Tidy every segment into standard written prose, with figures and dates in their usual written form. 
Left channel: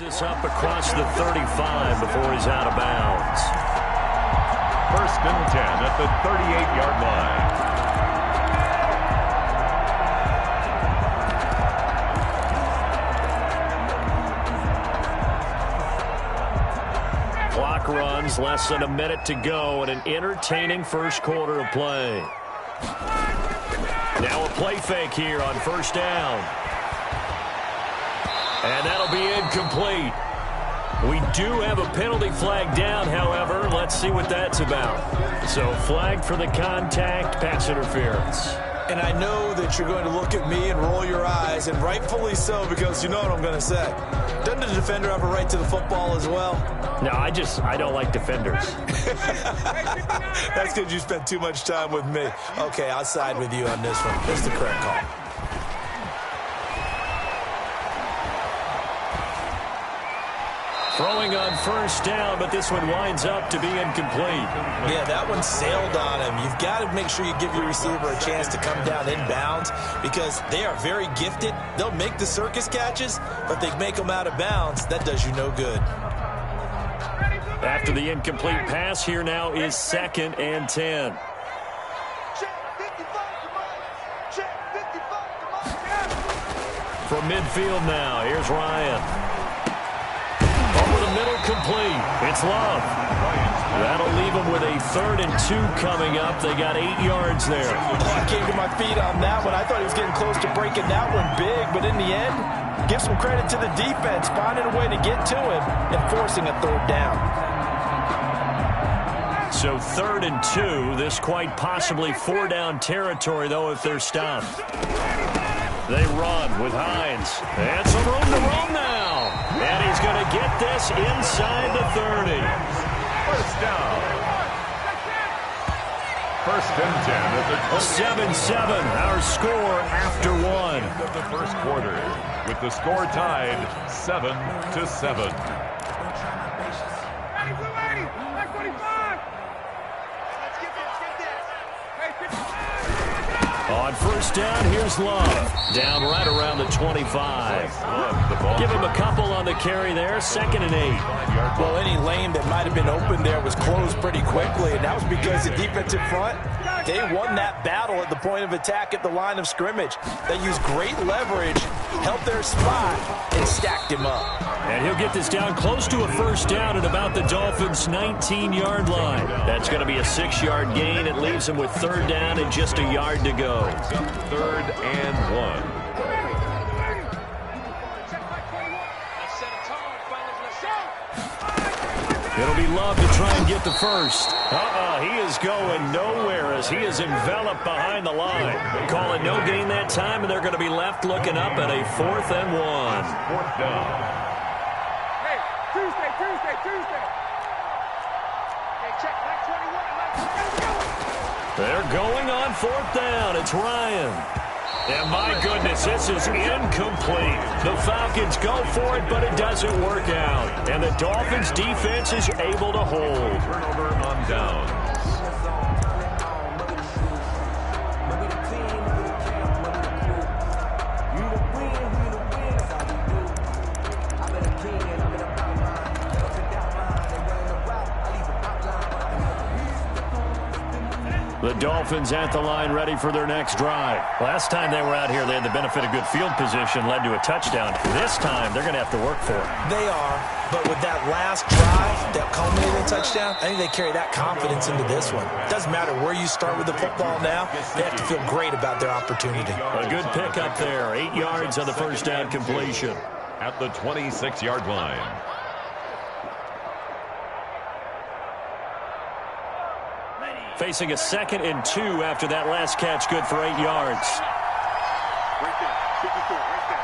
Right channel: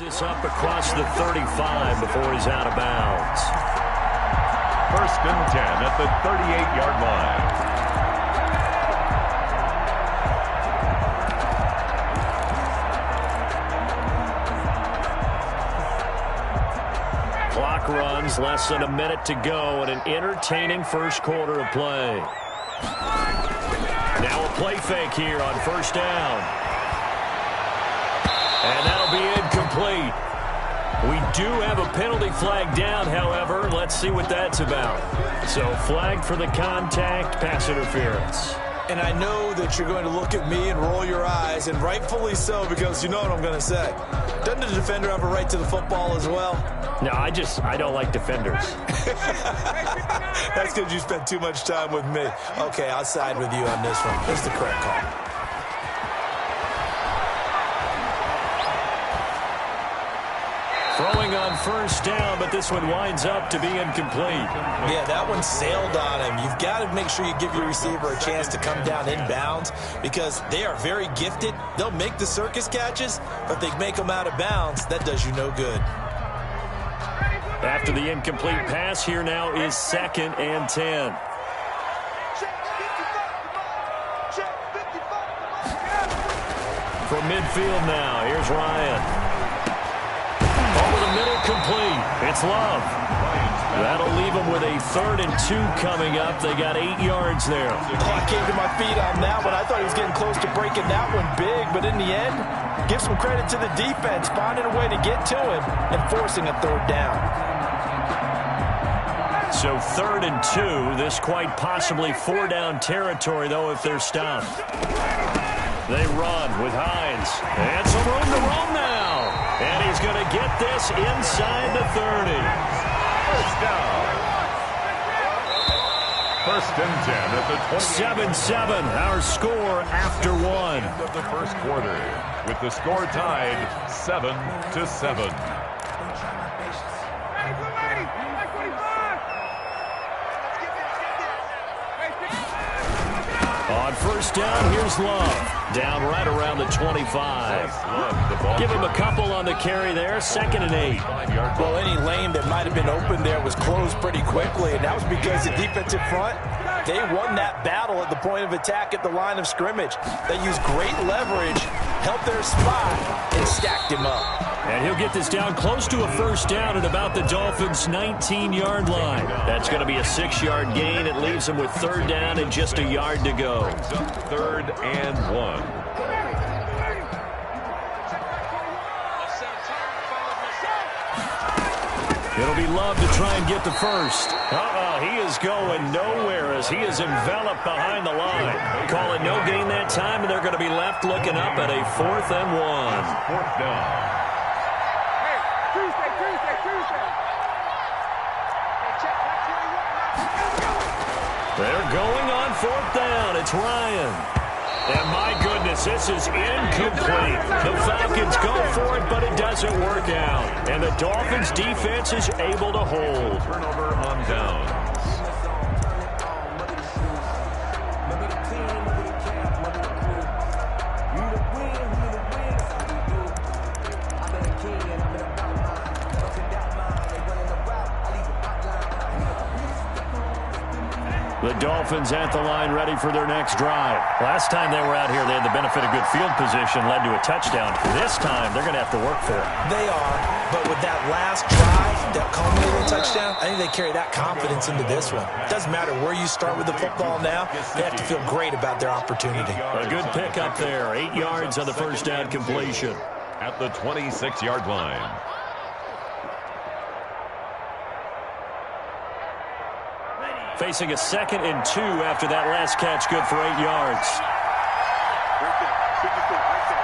This up across the 35 before he's out of bounds. 1st and 10 at the 38-yard line. Clock runs, less than a minute to go, and an entertaining first quarter of play. Now a play fake here on 1st down. And that'll be incomplete. We do have a penalty flag down, however. Let's see what that's about. So flag for the contact, pass interference. And I know that you're going to look at me and roll your eyes, and rightfully so, because you know what I'm going to say. Doesn't the defender have a right to the football as well? No, I don't like defenders. That's because you spent too much time with me. Okay, I'll side with you on this one. That's the correct call. Throwing on 1st down, but this one winds up to be incomplete. Yeah, that one sailed on him. You've got to make sure you give your receiver a chance to come down inbounds because they are very gifted. They'll make the circus catches, but they make them out of bounds. That does you no good. After the incomplete pass, here now is 2nd and 10. From midfield now, here's Ryan. Over the middle, complete. It's Love. That'll leave them with a 3rd and 2 coming up. They got 8 yards there. Oh, I came to my feet on that one. I thought he was getting close to breaking that one big, but in the end, give some credit to the defense, finding a way to get to him and forcing a 3rd down. So 3rd and 2. This quite possibly 4-down territory, though, if they're stopped. They run with Hines. And some room to roam now. And he's going to get this inside the 30. 1st down. 1st and 10 at the 7-7, our score after one. End of the first quarter, with the score tied 7-7. On 1st down, here's Love. Down right around the 25. Give him a couple on the carry there. 2nd and 8. Well, any lane that might have been open there was closed pretty quickly, and that was because the defensive front, they won that battle at the point of attack at the line of scrimmage. They used great leverage, held their spot, and stacked him up. And he'll get this down close to a 1st down at about the Dolphins' 19-yard line. That's going to be a 6-yard gain. It leaves them with 3rd down and just a yard to go. 3rd and 1. It'll be Love to try and get the first. He is going nowhere as he is enveloped behind the line. Call it no gain that time, and they're going to be left looking up at a 4th and 1. 4th down. Hey, Tuesday. Hey, check back 21. They're going on 4th down. It's Ryan. And my goodness, this is incomplete. The Falcons go for it, but it doesn't work out. And the Dolphins defense is able to hold. Turnover on downs. The Dolphins at the line ready for their next drive. Last time they were out here, they had the benefit of good field position, led to a touchdown. This time, they're going to have to work for it. They are, but with that last drive that culminated in a touchdown, I think they carry that confidence into this one. Doesn't matter where you start with the football now, they have to feel great about their opportunity. A good pick up there, 8 yards on the 1st down completion. At the 26-yard line. Facing a 2nd and 2 after that last catch, good for 8 yards. Right there, 54, right there,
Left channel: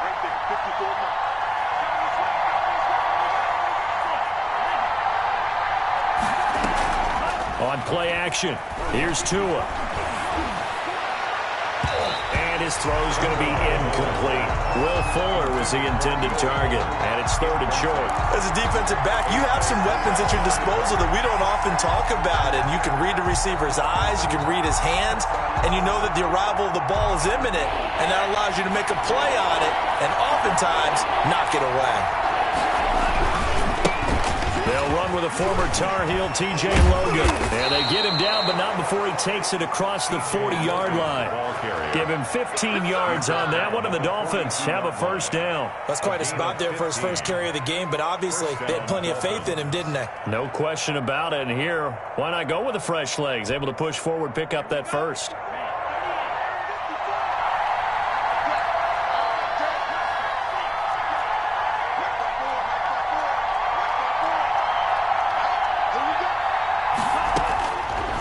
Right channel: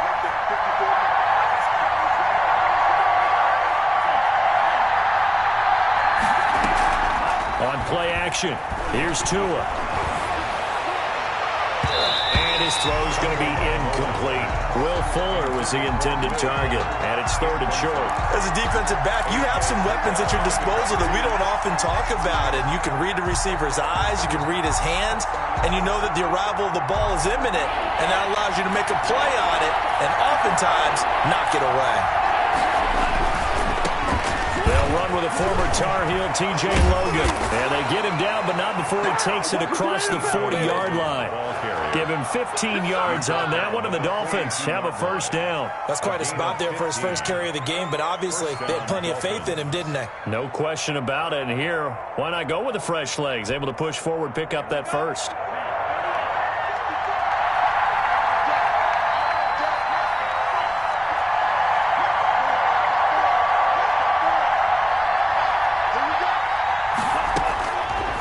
54. On play action, here's Tua. And his throw is going to be incomplete. Will Fuller was the intended target, and it's 3rd and short. As a defensive back, you have some weapons at your disposal that we don't often talk about, and you can read the receiver's eyes, you can read his hands, and you know that the arrival of the ball is imminent, and that allows you to make a play on it and oftentimes knock it away. They'll run with a former Tar Heel, T.J. Logan. And they get him down, but not before he takes it across the 40-yard line. Give him 15 yards on that one, and the Dolphins have a first down. That's quite a spot there for his first carry of the game, but obviously they had plenty of faith in him, didn't they? No question about it. And here, why not go with the fresh legs? Able to push forward, pick up that first.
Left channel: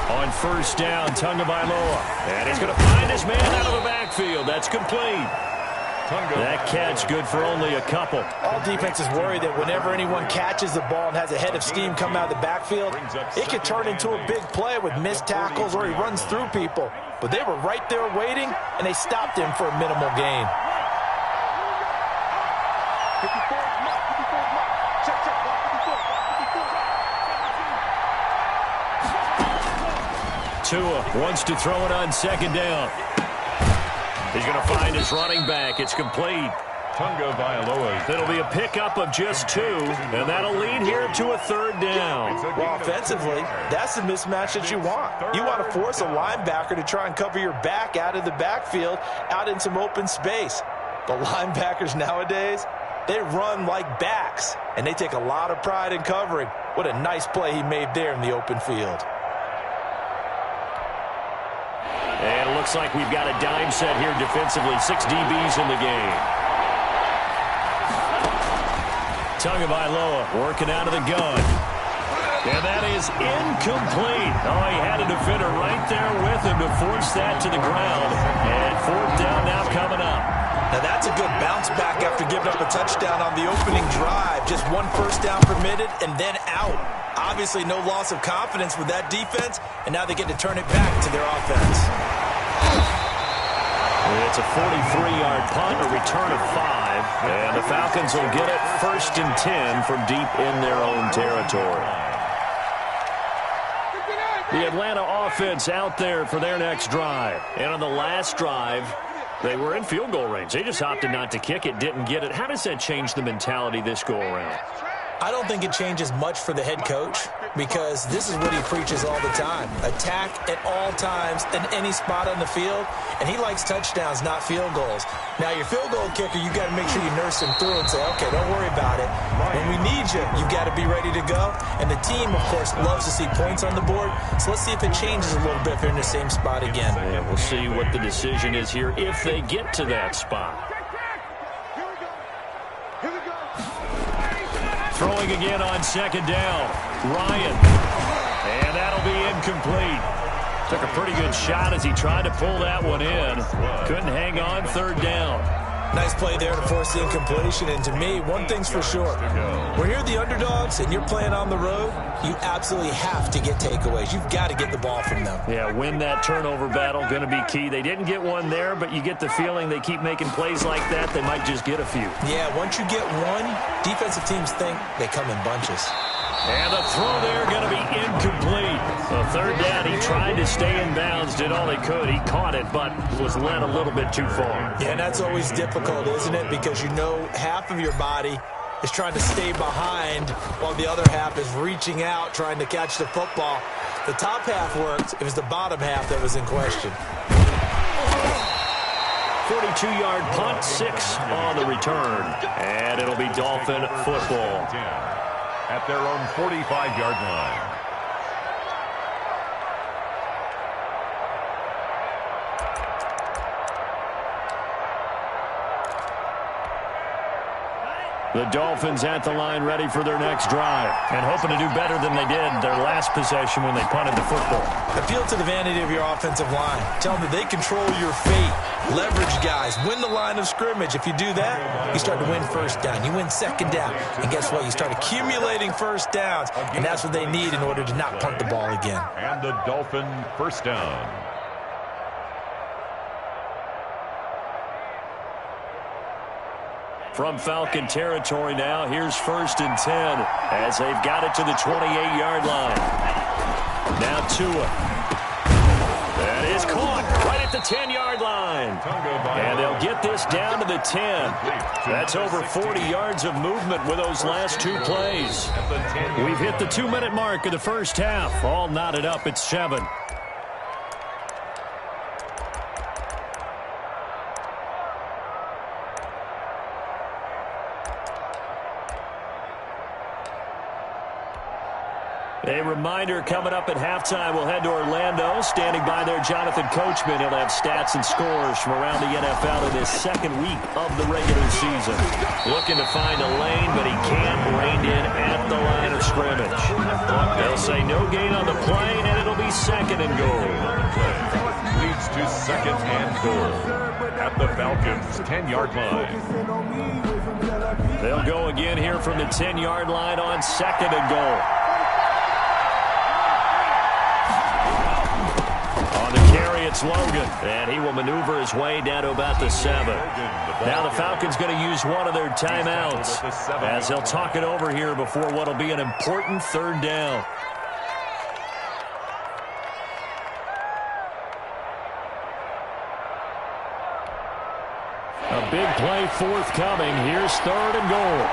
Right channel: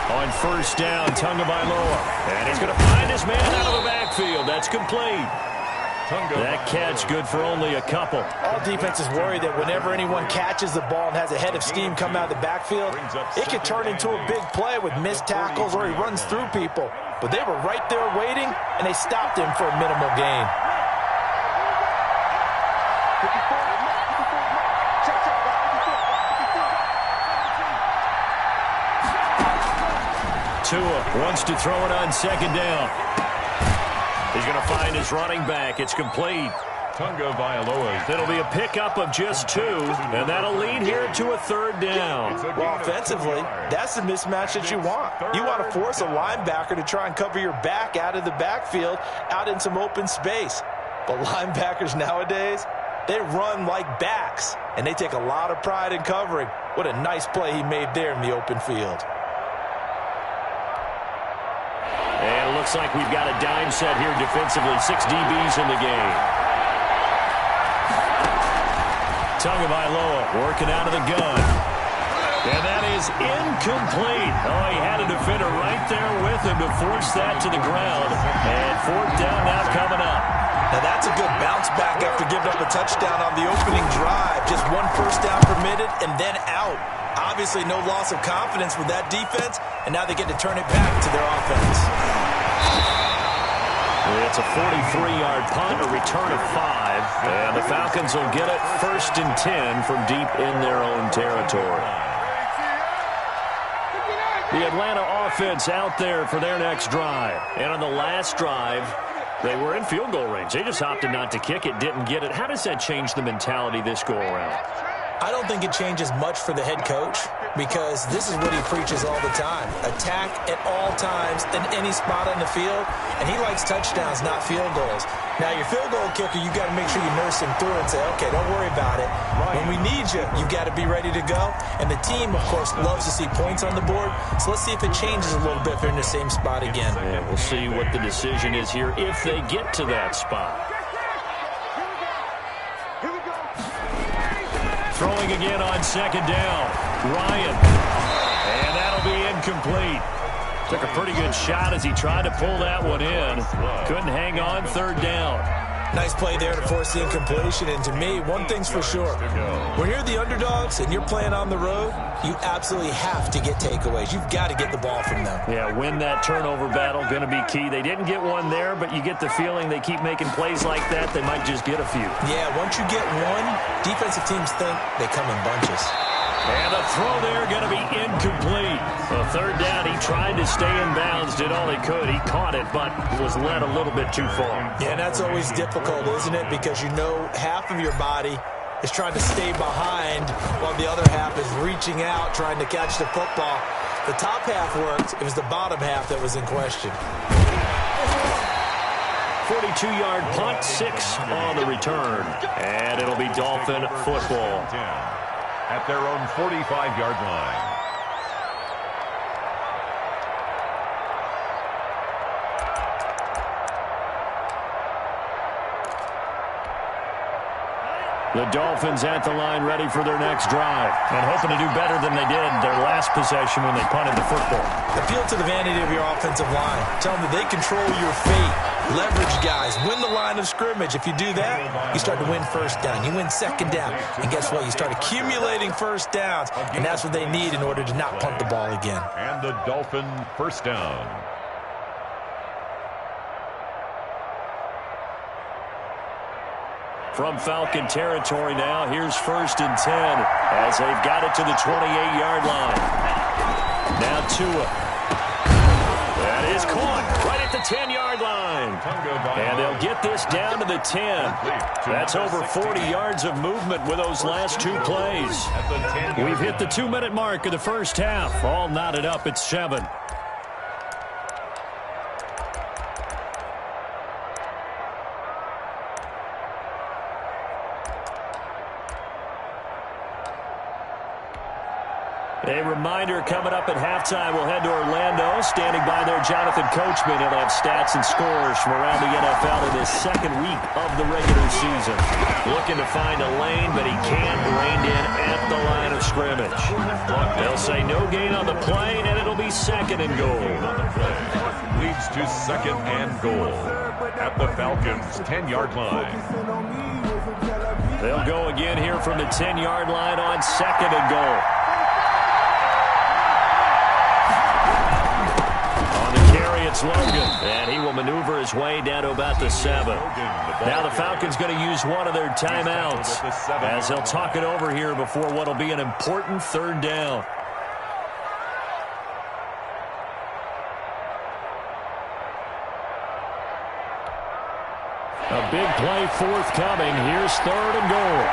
On first down, Tagovailoa. And he's going to find his man out of the backfield. That's complete. That catch good for only a couple. All defenses worry that whenever anyone catches the ball and has a head of steam come out of the backfield, it could turn into a big play with missed tackles or he runs through people. But they were right there waiting, and they stopped him for a minimal gain. Tua wants to throw it on second down. He's going to find his running back. It's complete. Tagovailoa. It'll be a pickup of just 2, and that'll lead here to a third down. Well, offensively, that's the mismatch that you want. You want to force a linebacker to try and cover your back out of the backfield, out in some open space. But linebackers nowadays, they run like backs, and they take a lot of pride in covering. What a nice play he made there in the open field. And it looks like we've got a dime set here defensively. 6 DBs in the game. Tagovailoa working out of the gun. And that is incomplete. Oh, he had a defender right there with him to force that to the ground. And fourth down now coming up. Now that's a good bounce back after giving up a touchdown on the opening drive. Just 1 first down permitted and then out. Obviously no loss of confidence with that defense, and now they get to turn it back to their offense. It's a 43-yard punt, a return of 5, and the Falcons will get it 1st and 10 from deep in their own territory. The Atlanta offense out there for their next drive. And on the last drive, they were in field goal range. They just opted not to kick it, didn't get it. How does that change the mentality this go-around? I don't think it changes much for the head coach because this is what he preaches all the time. Attack at all times in any spot on the field, and he likes touchdowns, not field goals. Now, your field goal kicker, you've got to make sure you nurse him through and say, okay, don't worry about it. When we need you, you've got to be ready to go. And the team, of course, loves to see points on the board, so let's see if it changes a little bit if they're in the same spot again. Yeah, we'll see what the decision is here if they get to that spot. Throwing again on second down. Ryan. And that'll be incomplete. Took a pretty good shot as he tried to pull that one in. Couldn't hang on, third down. Nice play there to force the incompletion. And to me, one thing's for sure. When you're the underdogs and you're playing on the road, you absolutely have to get takeaways. You've got to get the ball from them. Yeah, win that turnover battle, going to be key. They didn't get one there, but you get the feeling they keep making plays like that, they might just get a few. Yeah, once you get one, defensive teams think they come in bunches. And the throw there going to be incomplete. So third down, he tried to stay in bounds, did all he could. He caught it, but was led a little bit too far. Yeah, and that's always difficult, isn't it? Because you know half of your body is trying to stay behind while the other half is reaching out, trying to catch the football. The top half worked. It was the bottom half that was in question. 42-yard punt, 6 on the return. And it'll be Dolphin football. At their own 45-yard line. The Dolphins at the line ready for their next drive and hoping to do better than they did their last possession when they punted the football. Appeal to the vanity of your offensive line. Tell them that they control your fate. Leverage guys. Win the line of scrimmage. If you do that, you start to win first down. You win second down. And guess what? You start accumulating first downs. And that's what they need in order to not punt the ball again. And the Dolphin first down. From Falcon territory now, here's 1st and 10 as they've got it to the 28-yard line. Now Tua. That is caught right at the 10-yard line. And they'll get this down to the 10. That's over 40 yards of movement with those last two plays. We've hit the 2-minute mark of the first half. All knotted up at 7. A reminder, coming up at halftime, we'll head to Orlando. Standing by there, Jonathan Coachman. He'll have stats and scores from around the NFL in his second week of the regular season. Looking to find a lane, but he can't. Reined in at the line of scrimmage. They'll say no gain on the play, and it'll be 2nd and goal. Leads to 2nd and goal at the Falcons' 10-yard line. They'll go again here from the 10-yard line on 2nd and goal. It's Logan, and he will maneuver his way down to about the 7. Now the Falcons going to use one of their timeouts as they'll talk it over here before what will be an important 3rd down. A big play forthcoming. Here's 3rd and goal.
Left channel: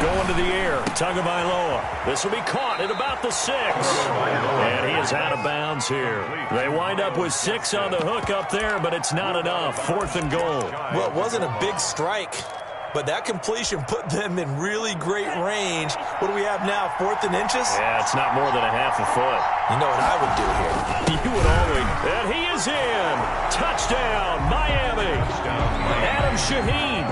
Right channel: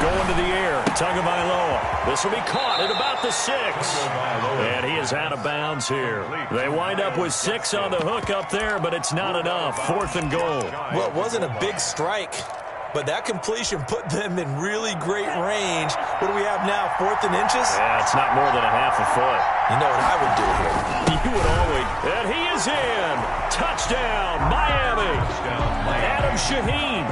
Going to the air, Tagovailoa. This will be caught at about the 6. And he is out of bounds here. They wind up with 6 on the hook up there, but it's not enough. 4th and goal. Well, it wasn't a big strike, but that completion put them in really great range. What do we have now, 4th and inches? Yeah, it's not more than a half a foot. You know what I would do here? You would always. And he is in. Touchdown, Miami. Adam Shaheen,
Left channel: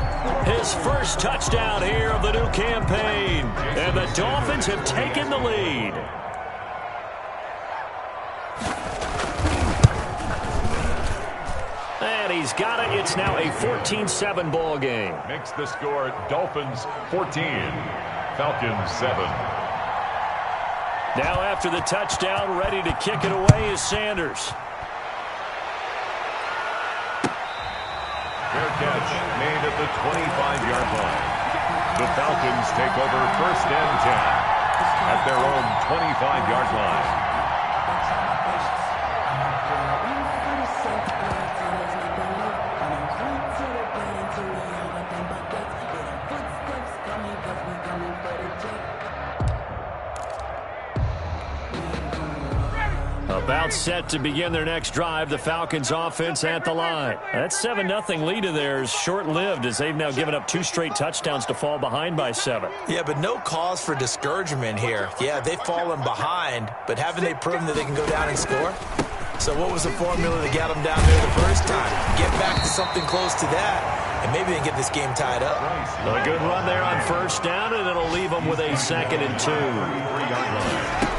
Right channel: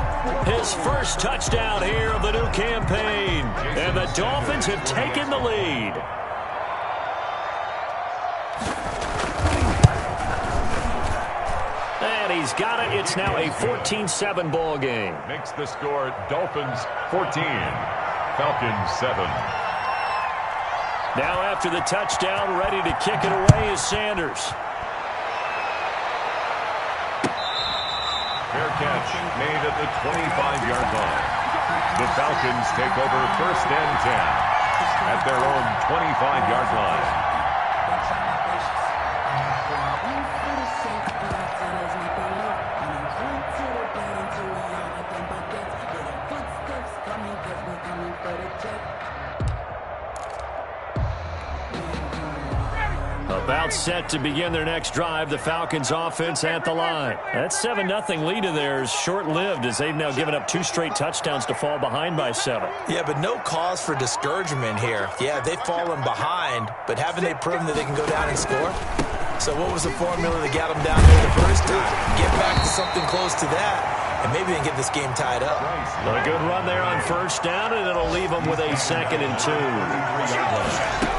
his first touchdown here of the new campaign. And the Dolphins have taken the lead. And he's got it. It's now a 14-7 ball game. Makes the score Dolphins 14, Falcons 7. Now after the touchdown, ready to kick it away is Sanders. Fair catch made at the 25-yard line. The Falcons take over 1st and 10 at their own 25-yard line. About set to begin their next drive, the Falcons offense at the line. That 7-0 lead of theirs short-lived as they've now given up 2 straight touchdowns to fall behind by 7. Yeah, but no cause for discouragement here. Yeah, they've fallen behind, but haven't they proven that they can go down and score? So what was the formula that got them down there the first time? Get back to something close to that, and maybe they can get this game tied up. A good run there on 1st down, and it'll leave them with a 2nd and 2. 3-yard line.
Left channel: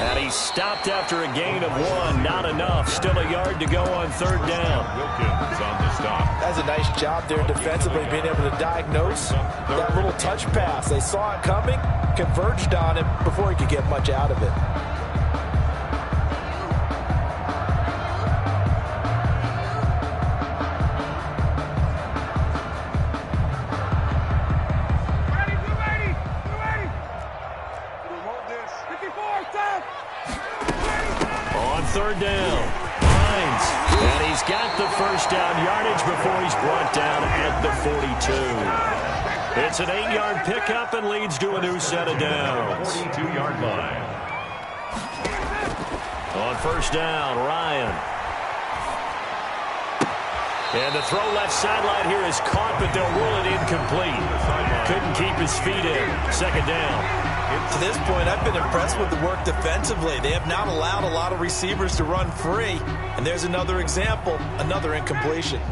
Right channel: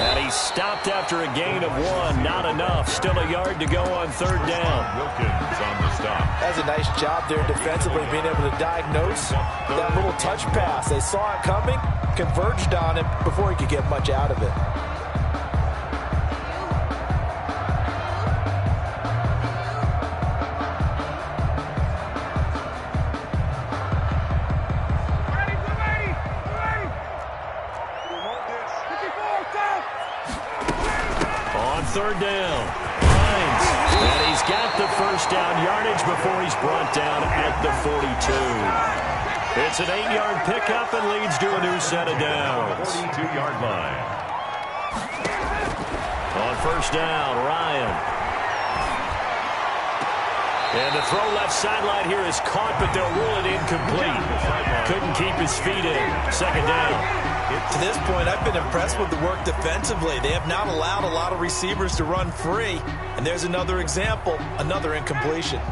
And he stopped after a gain of 1. Not enough. Still a yard to go on 3rd down. Wilkins on the stop. That's a nice job there defensively, being able to diagnose that little touch pass. They saw it coming, converged on it before he could get much out of it. On 3rd down, Hines, and he's got the 1st down yardage before he's brought down at the 42. It's an 8-yard pickup and leads to a new set of downs. 42-yard line. On 1st down, Ryan. And the throw left sideline here is caught, but they'll rule it incomplete. Couldn't keep his feet in. 2nd down. To this point, I've been impressed with the work defensively. They have not allowed a lot of receivers to run free. And there's another example, another incompletion.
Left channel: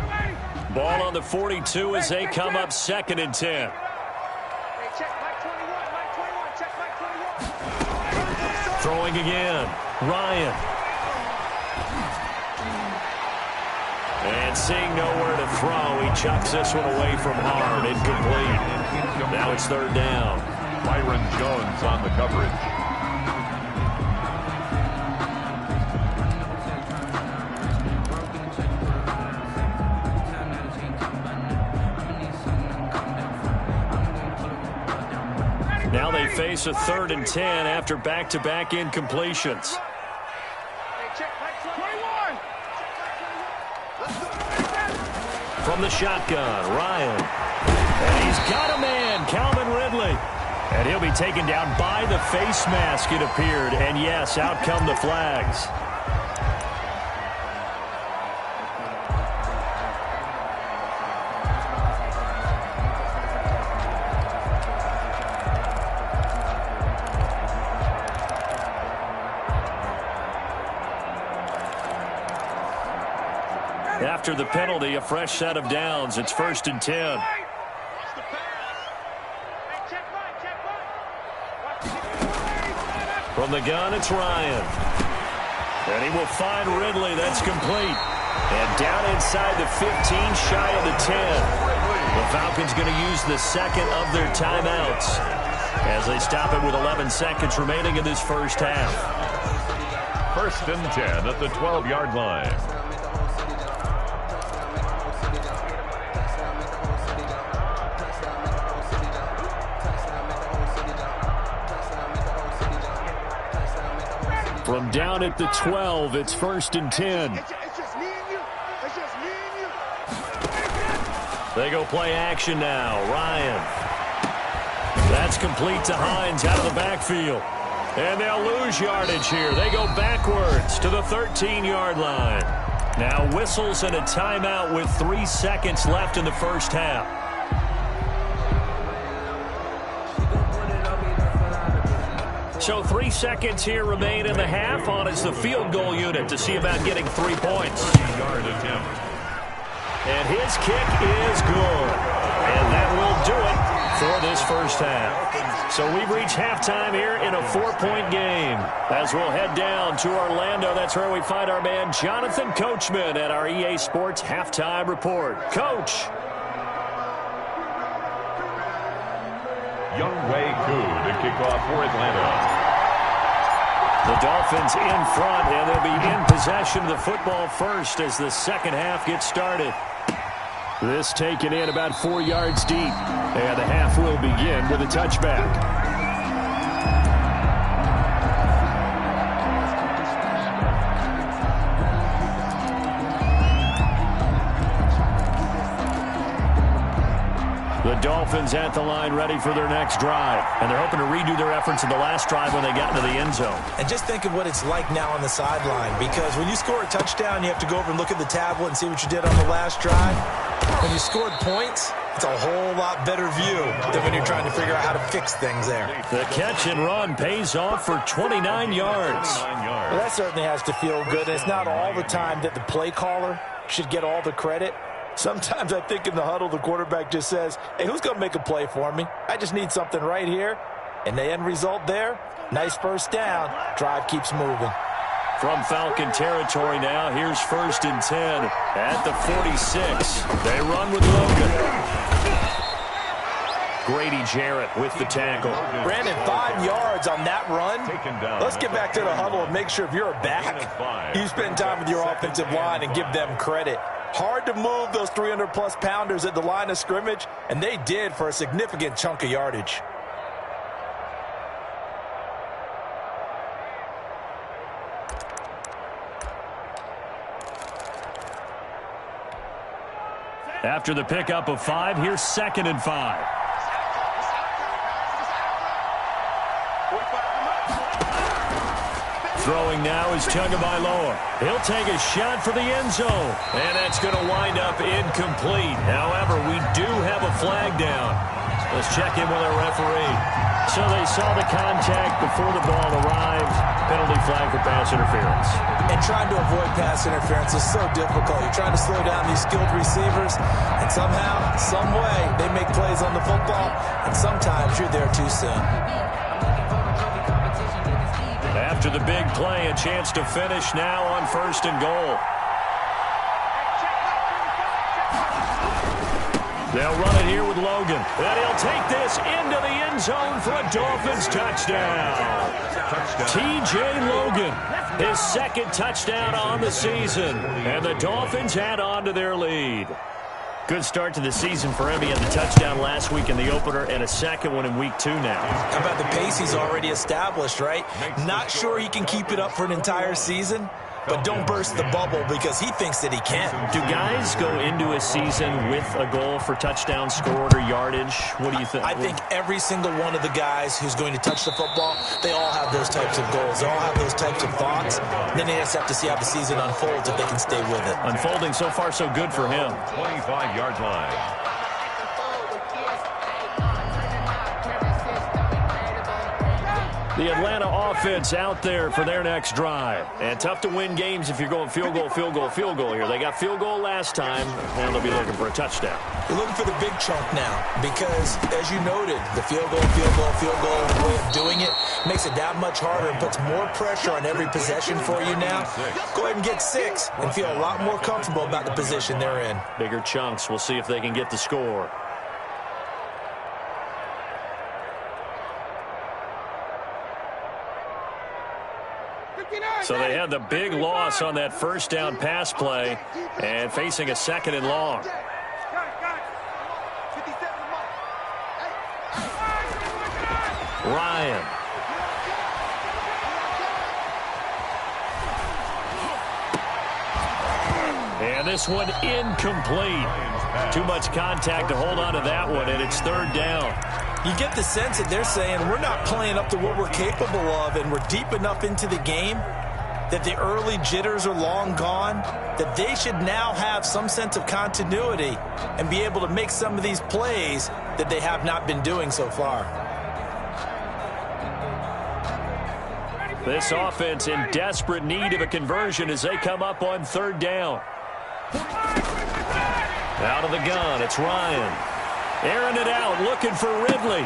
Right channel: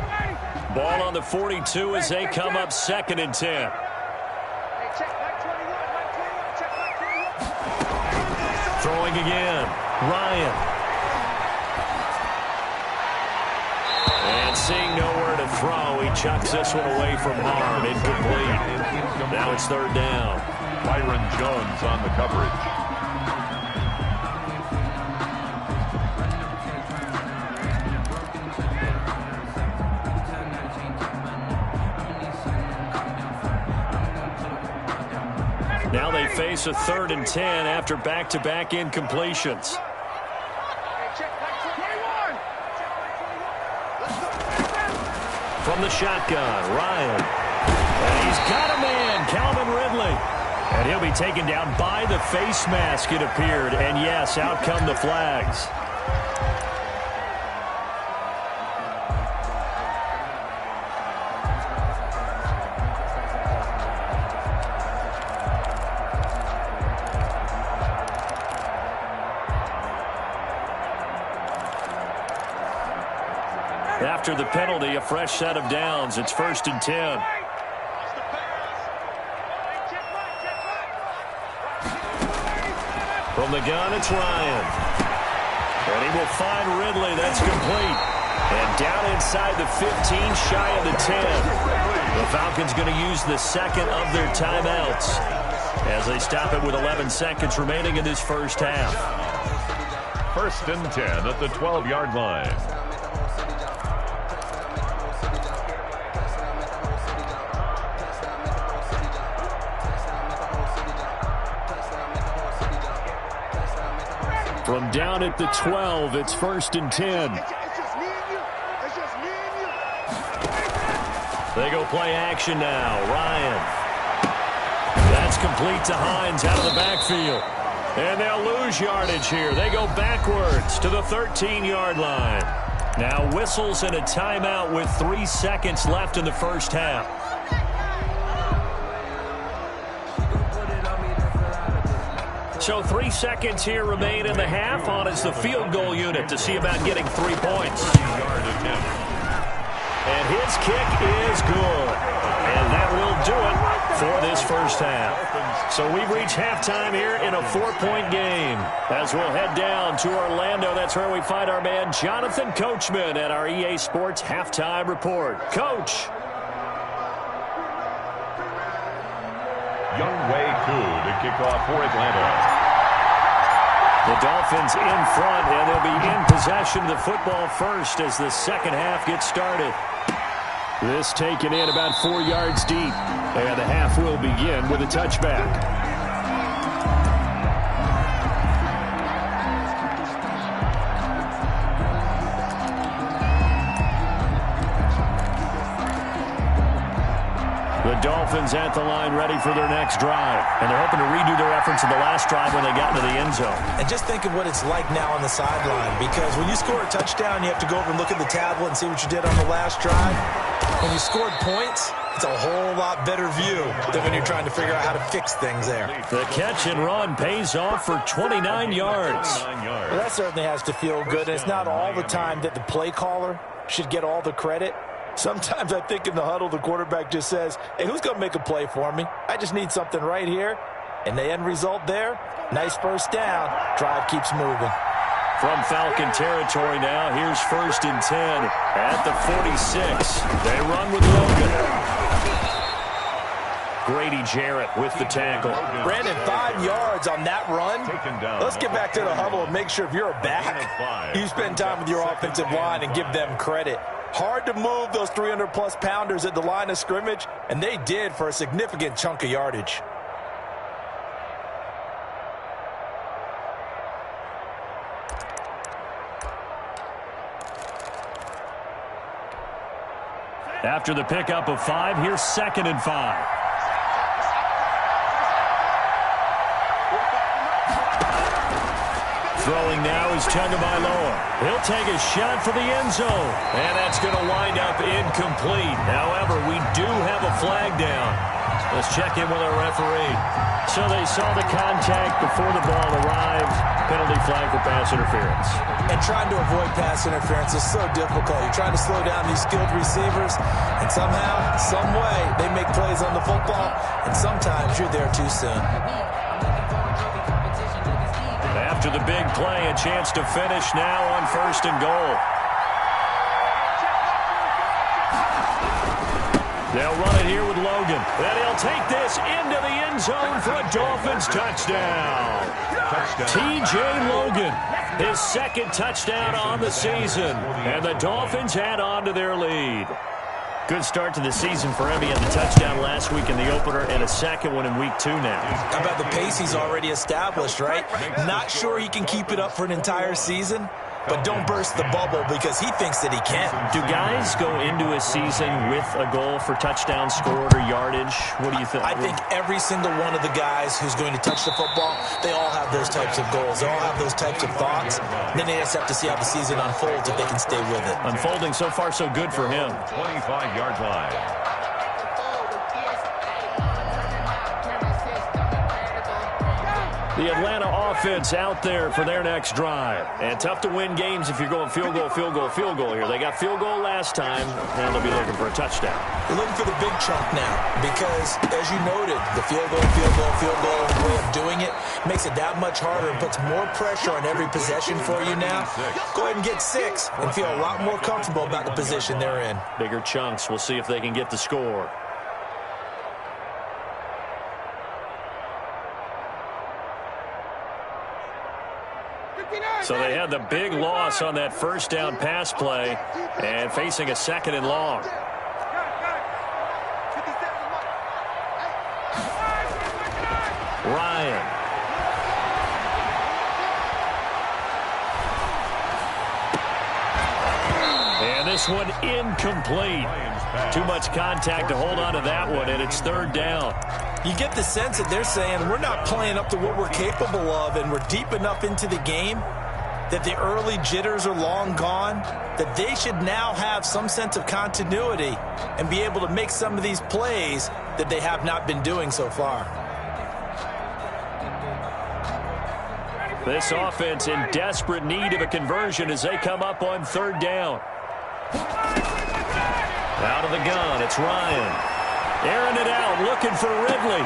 Ball on the 42 as they come up 2nd and 10. Hey, check Mike 21, Mike 21, check Mike 21. Throwing again, Ryan. And seeing nowhere to throw, he chucks this one away from harm. Incomplete. Now it's 3rd down. Byron Jones on the coverage. Now they face a 3rd and 10 after back-to-back incompletions. Hey, check Mike 21. Check Mike 21. From the shotgun, Ryan. And he's got a man, Calvin Ridley. And he'll be taken down by the face mask, it appeared. And yes, out come the flags. After the penalty, a fresh set of downs. It's 1st and 10. From the gun, it's Ryan. And he will find Ridley. That's complete. And down inside the 15, shy of the 10. The Falcons going to use the second of their timeouts as they stop it with 11 seconds remaining in this first half. 1st and 10 at the 12-yard line. From down at the 12, it's 1st and 10. It's just me and you. It's just me and you. They go play action now. Ryan. That's complete to Hines out of the backfield. And they'll lose yardage here. They go backwards to the 13-yard line. Now whistles and a timeout with 3 seconds left in the first half. So 3 seconds here remain in the half. On is the field goal unit to see about getting 3 points. 30-yard attempt. And his kick is good. And that will do it for this first half. So we've reached halftime here in a 4-point game. As we'll head down to Orlando, that's where we find our man Jonathan Coachman at our EA Sports Halftime Report. Coach. Younghoe Koo to kick off for Atlanta. The Dolphins in front, and they'll be in possession of the football first as the second half gets started. This taken in about 4 yards deep, and the half will begin with a touchback. The Dolphins at the line ready for their next drive. And they're hoping to redo their efforts in the last drive when they got into the end zone. And just think of what it's like now on the sideline, because when you score a touchdown, you have to go over and look at the tablet and see what you did on the last drive. When you scored points, it's a whole lot better view than when you're trying to figure out how to fix things there. The catch and run pays off for 29 yards. Well, that certainly has to feel good. And it's not all the time that the play caller should get all the credit. Sometimes I think in the huddle, the quarterback just says, hey, who's going to make a play for me? I just need something right here. And the end result there, nice first down. Drive keeps moving. From Falcon territory now, here's 1st and 10 at the 46. They run with Logan. Grady Jarrett with the tackle. Brandon, 5 yards on that run. Let's get back to the huddle and make sure if you're a back, you spend time with your offensive line and give them credit. Hard to move those 300-plus pounders at the line of scrimmage, and they did for a significant chunk of yardage. After the pickup of 5, here's 2nd and 5. Throwing now is Tagovailoa. He'll take a shot for the end zone. And that's going to wind up incomplete. However, we do have a flag down. Let's check in with our referee. So they saw the contact before the ball arrived. Penalty flag for pass interference. And trying to avoid pass interference is so difficult. You're trying to slow down these skilled receivers, and somehow, some way, they make plays on the football, and sometimes you're there too soon. After the big play, a chance to finish now on 1st and goal. They'll run it here with Logan. And he'll take this into the end zone for a Dolphins touchdown. T.J. Logan, his 2nd touchdown on the season. And the Dolphins add on to their lead. Good start to the season for him. He had the touchdown last week in the opener and a second one in week 2 now. How about the pace he's already established, right? Not sure he can keep it up for an entire season, but don't burst the bubble because he thinks that he can. Do guys go into a season with a goal for touchdown scored or yardage? What do you think? I think every single one of the guys who's going to touch the football, they all have those types of goals. They all have those types of thoughts. Then they just have to see how the season unfolds if they can stay with it. Unfolding so far so good for him. 25-yard line. The Atlanta offense out there for their next drive. And tough to win games if you're going field goal, field goal, field goal here. They got field goal last time, and they'll be looking for a touchdown. You're looking for the big chunk now because, as you noted, the field goal way of doing it makes it that much harder and puts more pressure on every possession for you now. Go ahead and get 6 and feel a lot more comfortable about the position they're in. Bigger chunks. We'll see if they can get the score. So they had the big loss on that first down pass play and facing a 2nd and long. Ryan. And this one incomplete. Too much contact to hold on to that one, and it's 3rd down. You get the sense that they're saying we're not playing up to what we're capable of, and we're deep enough into the game that the early jitters are long gone, that they should now have some sense of continuity and be able to make some of these plays that they have not been doing so far. This offense in desperate need of a conversion as they come up on 3rd down. Out of the gun, it's Ryan. Airing it out, looking for Ridley.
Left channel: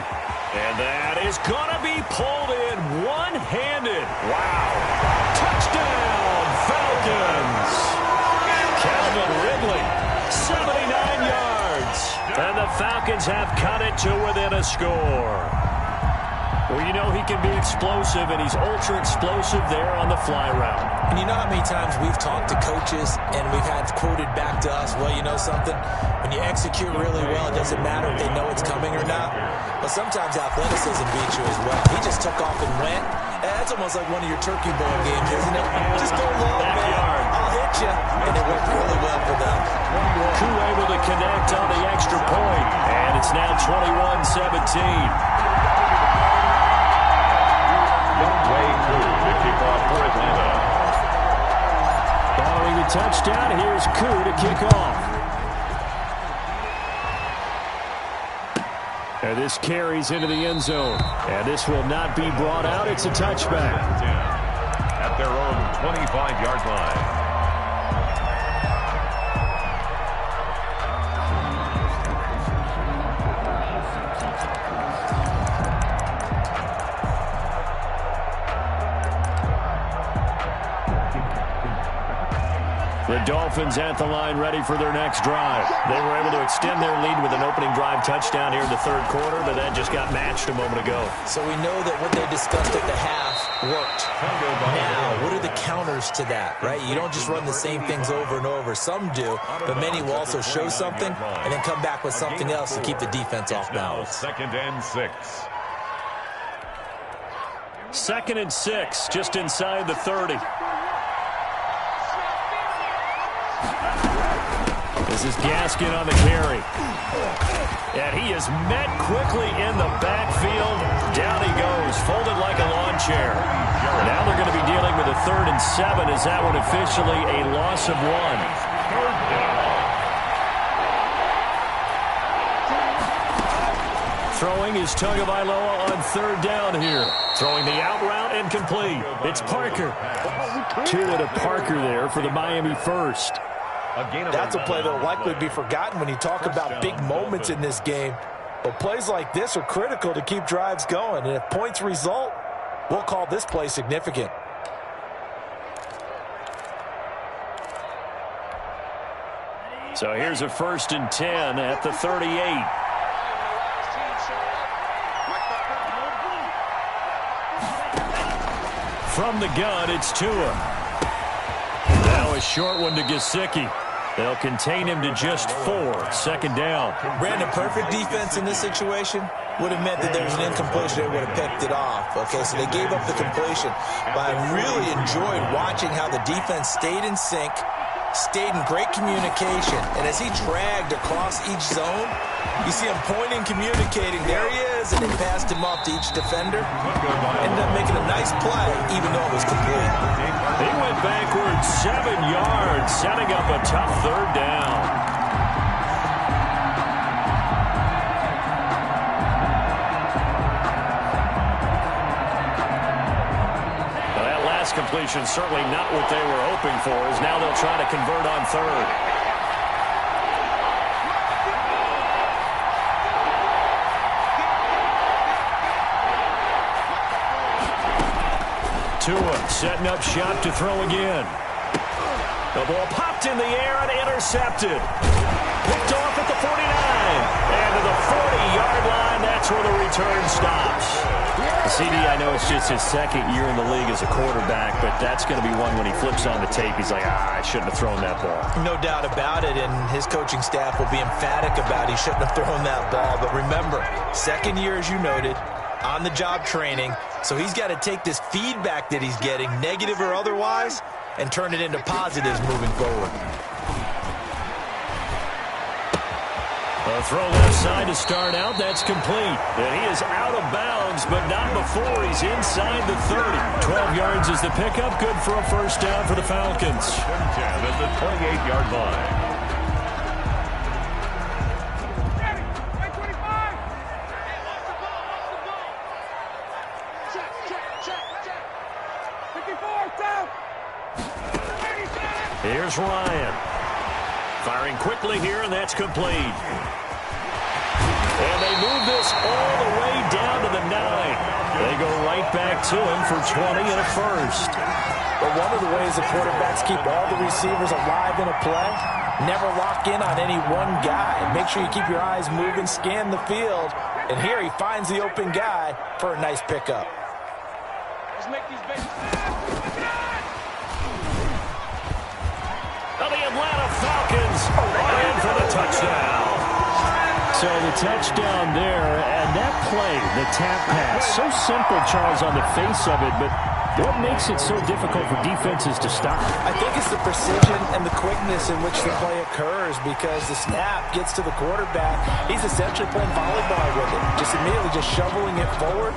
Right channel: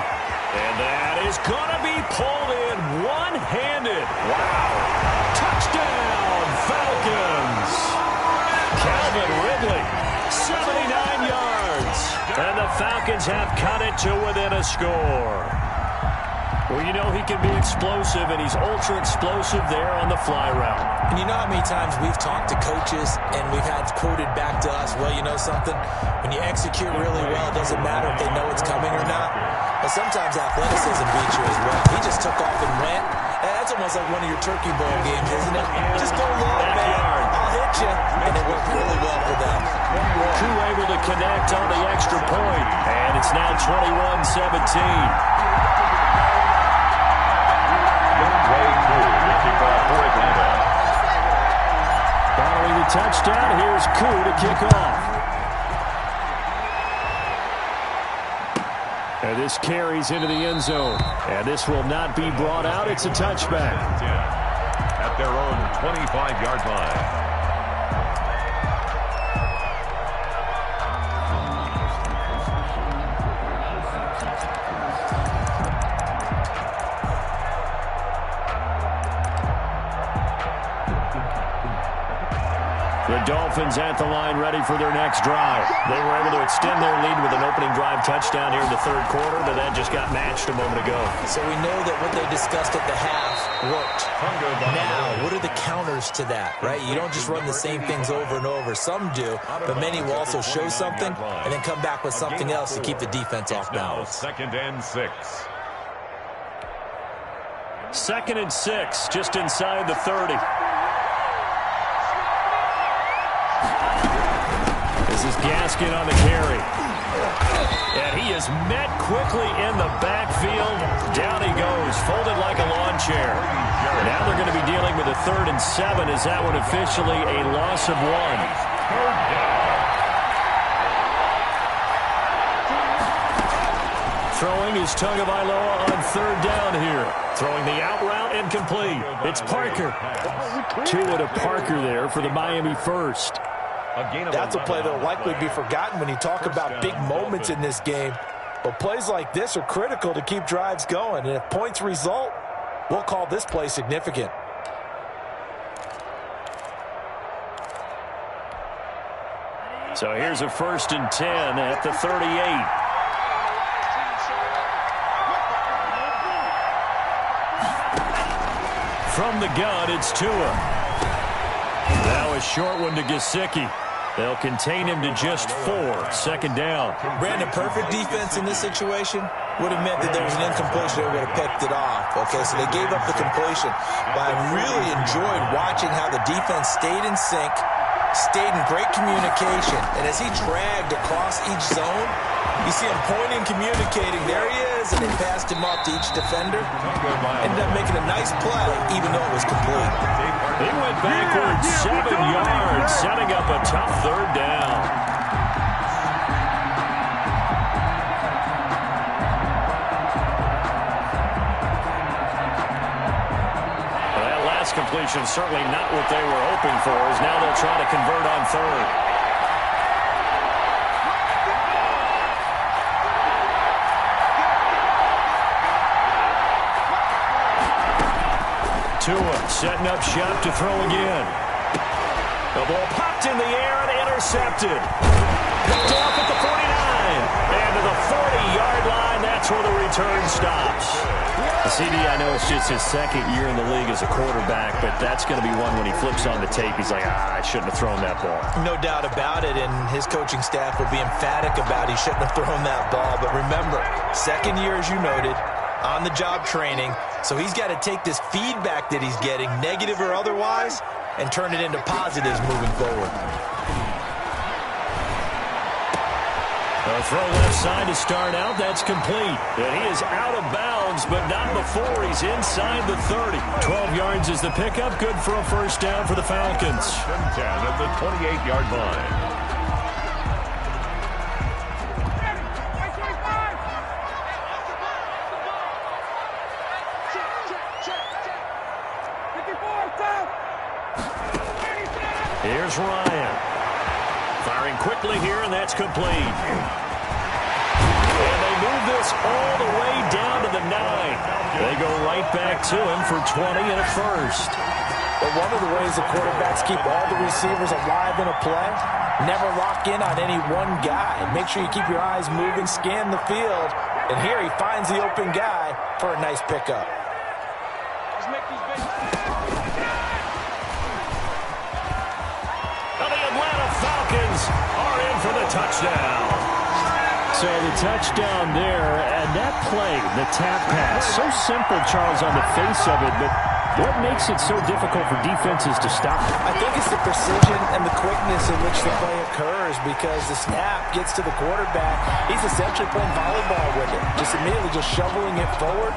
And that is going to be pulled in one-handed. Wow. Touchdown, Falcons. Calvin Ridley, 79 yards. And the Falcons have cut it to within a score. Well, you know he can be explosive, and he's ultra-explosive there on the fly route. And you know how many times we've talked to coaches and we've had quoted back to us, well, you know something? When you execute really well, it doesn't matter if they know it's coming or not. But sometimes athleticism beats you as well. He just took off and went. And that's almost like one of your Turkey Bowl games, isn't it? Just go long, Backyard. man. I'll hit you. And it worked really well for them. Koo able to connect on the extra point. And it's now 21-17. Way Koo, the kickoff for Atlanta. Following the touchdown, here's Koo to kick off. And this carries into the end zone. And this will not be brought out. It's a touchback. At their own 25-yard line. The Dolphins at the line ready for their next drive. They were able to extend their lead with an opening drive touchdown here in the 3rd quarter, but that just got matched a moment ago. So we know that what they discussed at the half worked. Now, what are the counters to that, right? You don't just run the same things over and over. Some do, but many will also show something and then come back with something else to keep the defense off balance. 2nd and 6. 2nd and 6, just inside the 30. This is Gaskin on the carry. And he is met quickly in the backfield. Down he goes, folded like a lawn chair. Now they're going to be dealing with a 3rd and 7. Is that one officially a loss of 1? 3rd down. Throwing is Tagovailoa on 3rd down here. Throwing the out route and complete. It's Parker. 2 to Parker there for the Miami first. That's a play that will likely be forgotten when you talk about big moments in this game. But plays like this are critical to keep drives going. And if points result, we'll call this play significant. So here's a 1st and 10 at the 38. From the gun, it's Tua. Now a short one to Gesicki. They'll contain him to just 4. Second down. Brandon, perfect defense in this situation would have meant that there was an incompletion. They would have picked it off. Okay, so they gave up the completion. But I really enjoyed watching how the defense stayed in sync, stayed in great communication. And as he dragged across each zone, you see him pointing, communicating. There he is, and they passed him off to each defender. Ended up making a nice play, even though it was complete. He went backwards 7 yards, setting up a tough third down. Completion certainly not what they were hoping for, as now they'll try to convert on third. Tua setting up shop to throw again. The ball popped in the air and intercepted. Picked off at the 49. And to the 40-yard line, that's where the return stops. CD, I know it's just his second year in the league as a quarterback, but that's going to be one when he flips on the tape. He's like, I shouldn't have thrown that ball. No doubt about it, and his coaching staff will be emphatic about he shouldn't have thrown that ball. But remember, second year, as you noted, on-the-job training, so he's got to take this feedback that he's getting, negative or otherwise, and turn it into positives moving forward. A throw left side to start out. That's complete. And he is out of bounds, but not before he's inside the 30. 12 yards is the pickup. Good for a first down for the Falcons. 10 at the 28-yard line. Ready, 25. Check. 54, down. Here's Ryan. Firing quickly here, and that's complete. And they move this all the way down to the 9. They go right back to him for 20 and a first. But one of the ways the quarterbacks keep all the receivers alive in a play, never lock in on any one guy. Make sure you keep your eyes moving, scan the field. And here he finds the open guy for a nice pickup. Let's make these babies. The Atlanta Falcons are in for the touchdown. So the touchdown there, and that play, the tap pass, so simple, Charles, on the face of it, but what makes it so difficult for defenses to stop? I think it's the precision and the quickness in which the play occurs, because the snap gets to the quarterback. He's essentially playing volleyball with it, just immediately just shoveling it forward.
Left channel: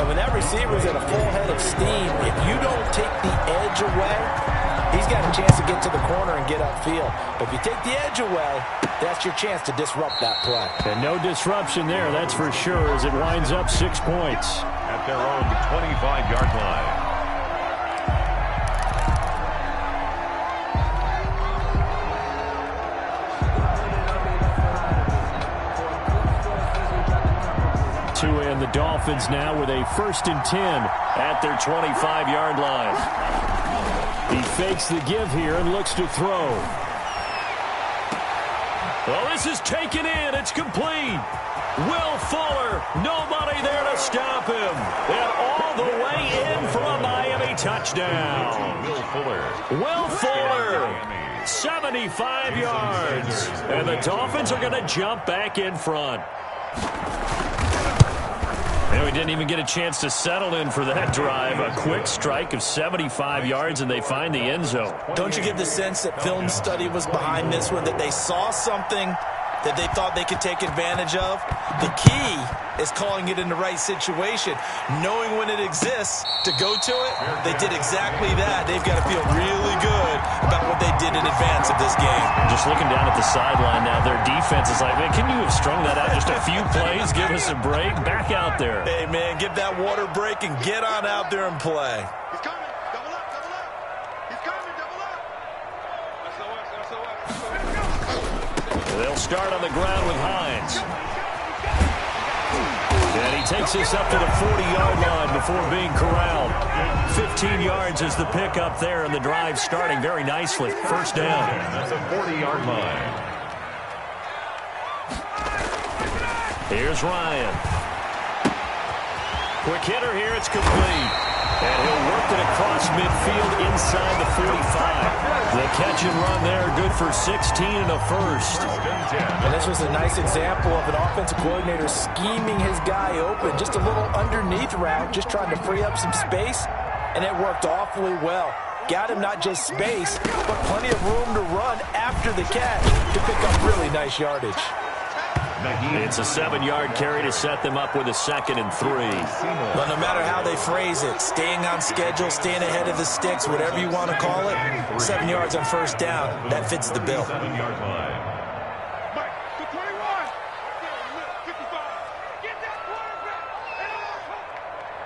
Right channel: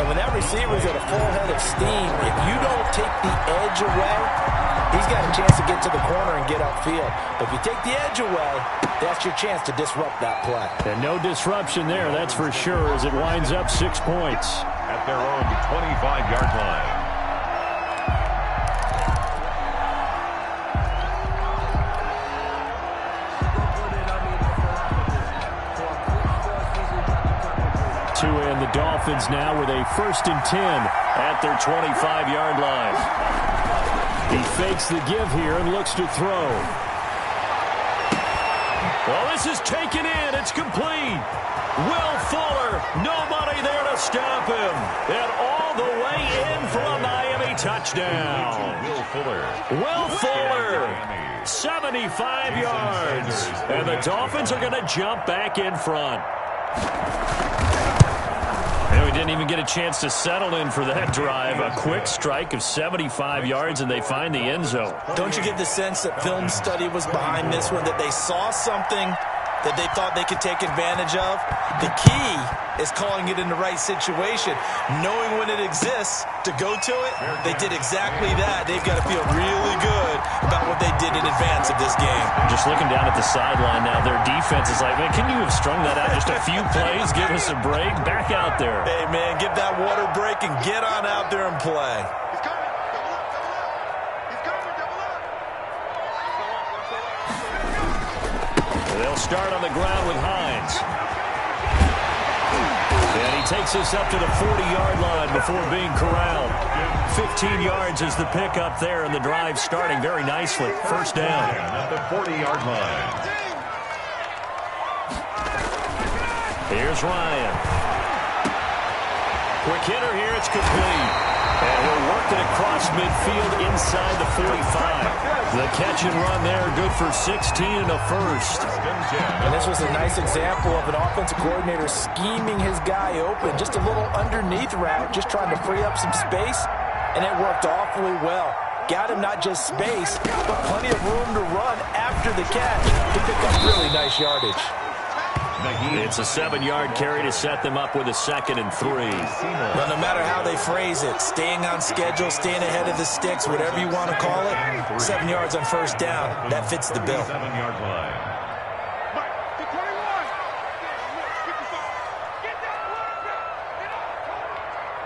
And when that receiver's at a full head of steam, if you don't take the edge away, he's got a chance to get to the corner and get upfield. But if you take the edge away, that's your chance to disrupt that play. And no disruption there, that's for sure, as it winds up 6 points. At their own 25-yard line. Tua and the Dolphins now with a 1st and 10 at their 25-yard line. He fakes the give here and looks to throw. Well, this is taken in. It's complete. Will Fuller, nobody there to stop him. And all the way in for a Miami touchdown. Will Fuller, 75 yards. And the Dolphins are going to jump back in front. And we didn't even get a chance to settle in for that drive. A quick strike of 75 yards, and they find the end zone. Don't you get the sense that film study was behind this one, that they saw something that they thought they could take advantage of? The key is calling it in the right situation, knowing when it exists to go to it. They did exactly that. They've got to feel really good about what they did in advance of this game. Just looking down at the sideline now, their defense is like, man, can you have strung that out just a few plays? Give us a break. Back out there. Hey, man, give that water break and get on out there and play. He's coming. Double up. He's coming. Double up. They'll start on the ground with Hines. And he takes us up to the 40-yard line before being corralled. 15 yards is the pickup there, and the drive starting very nicely. First down. At the 40-yard line. Here's Ryan. Quick hitter here. It's complete. And he'll work it across midfield inside the 45. The catch and run there, good for 16 and a first. And this was a nice example of an offensive coordinator scheming his guy open. Just a little underneath route, just trying to free up some space. And it worked awfully well. Got him not just space, but plenty of room to run after the catch to pick up really nice yardage. It's a 7-yard carry to set them up with a 2nd and 3. Well, no matter how they phrase it, staying on schedule, staying ahead of the sticks, whatever you want to call it, 7 yards on first down, that fits the bill. 7-yard line. Mike, to 21. Right there, look, 55. Get that quarterback. And all,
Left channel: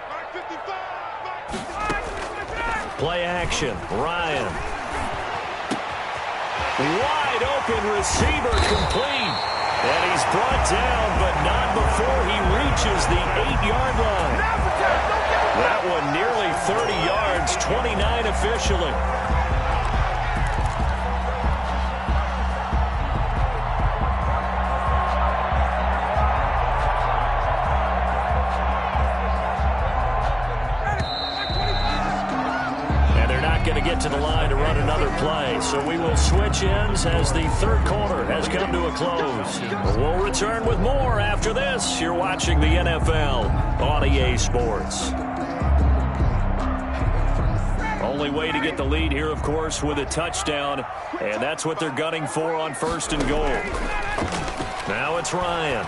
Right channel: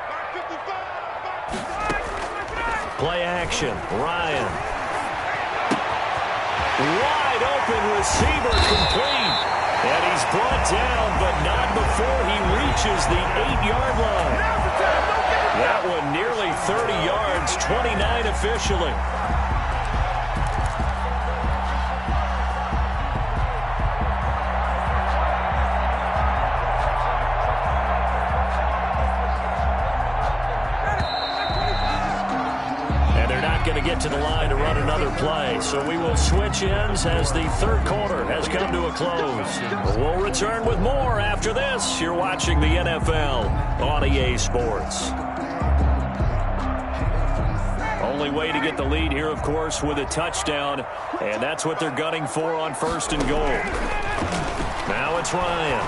Mike, 55. Play action. Ryan. Wide open receiver complete. And he's brought down, but not before he reaches the 8-yard line. That one nearly 30 yards, 29 officially. Going to get to the line to run another play. So we will switch ends as the third quarter has come to a close. We'll return with more after this. You're watching the NFL on EA Sports. Only way to get the lead here, of course, with a touchdown. And that's what they're gunning for on 1st and goal. Now it's Ryan.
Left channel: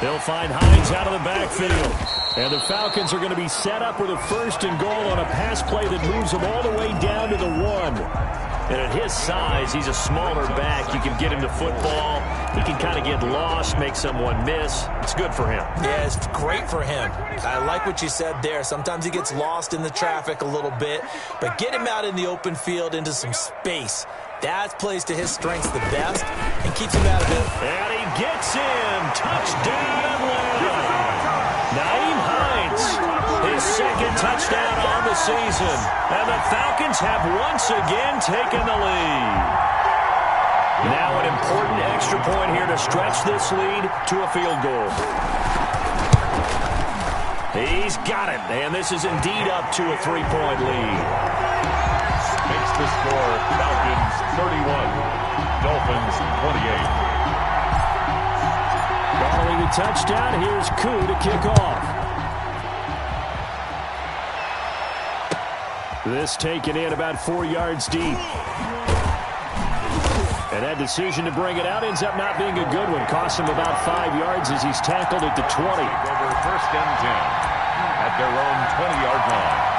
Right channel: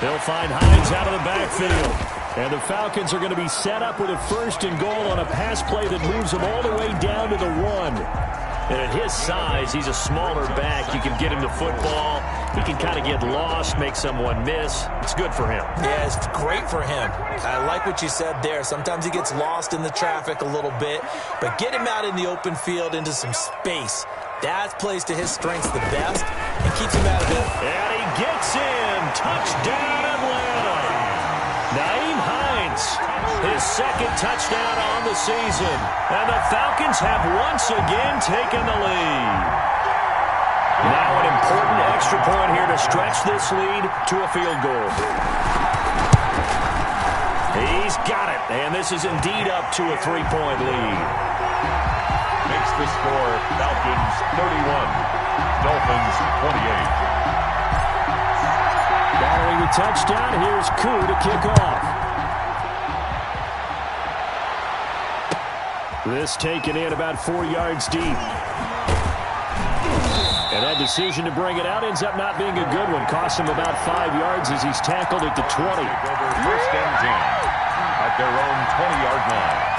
They'll find Hines out of the backfield. And the Falcons are going to be set up with a 1st and goal on a pass play that moves them all the way down to the 1. And at his size, he's a smaller back. You can get him the football. He can kind of get lost, make someone miss. It's good for him. Yeah, it's great for him. I like what you said there. Sometimes he gets lost in the traffic a little bit. But get him out in the open field into some space. That plays to his strengths the best and keeps him out of it. And he gets in. Touchdown, Atlanta. Nyheim Hines, his 2nd touchdown on the season. And the Falcons have once again taken the lead. Now an important extra point here to stretch this lead to a field goal. He's got it, and this is indeed up to a 3-point lead. Makes the score Falcons 31, Dolphins 28. Following the touchdown, here's Koo to kick off. This taken in about 4 yards deep. And that decision to bring it out ends up not being a good one. Cost him about 5 yards as he's tackled at the 20. Take over 1st and 10 at their own 20-yard line.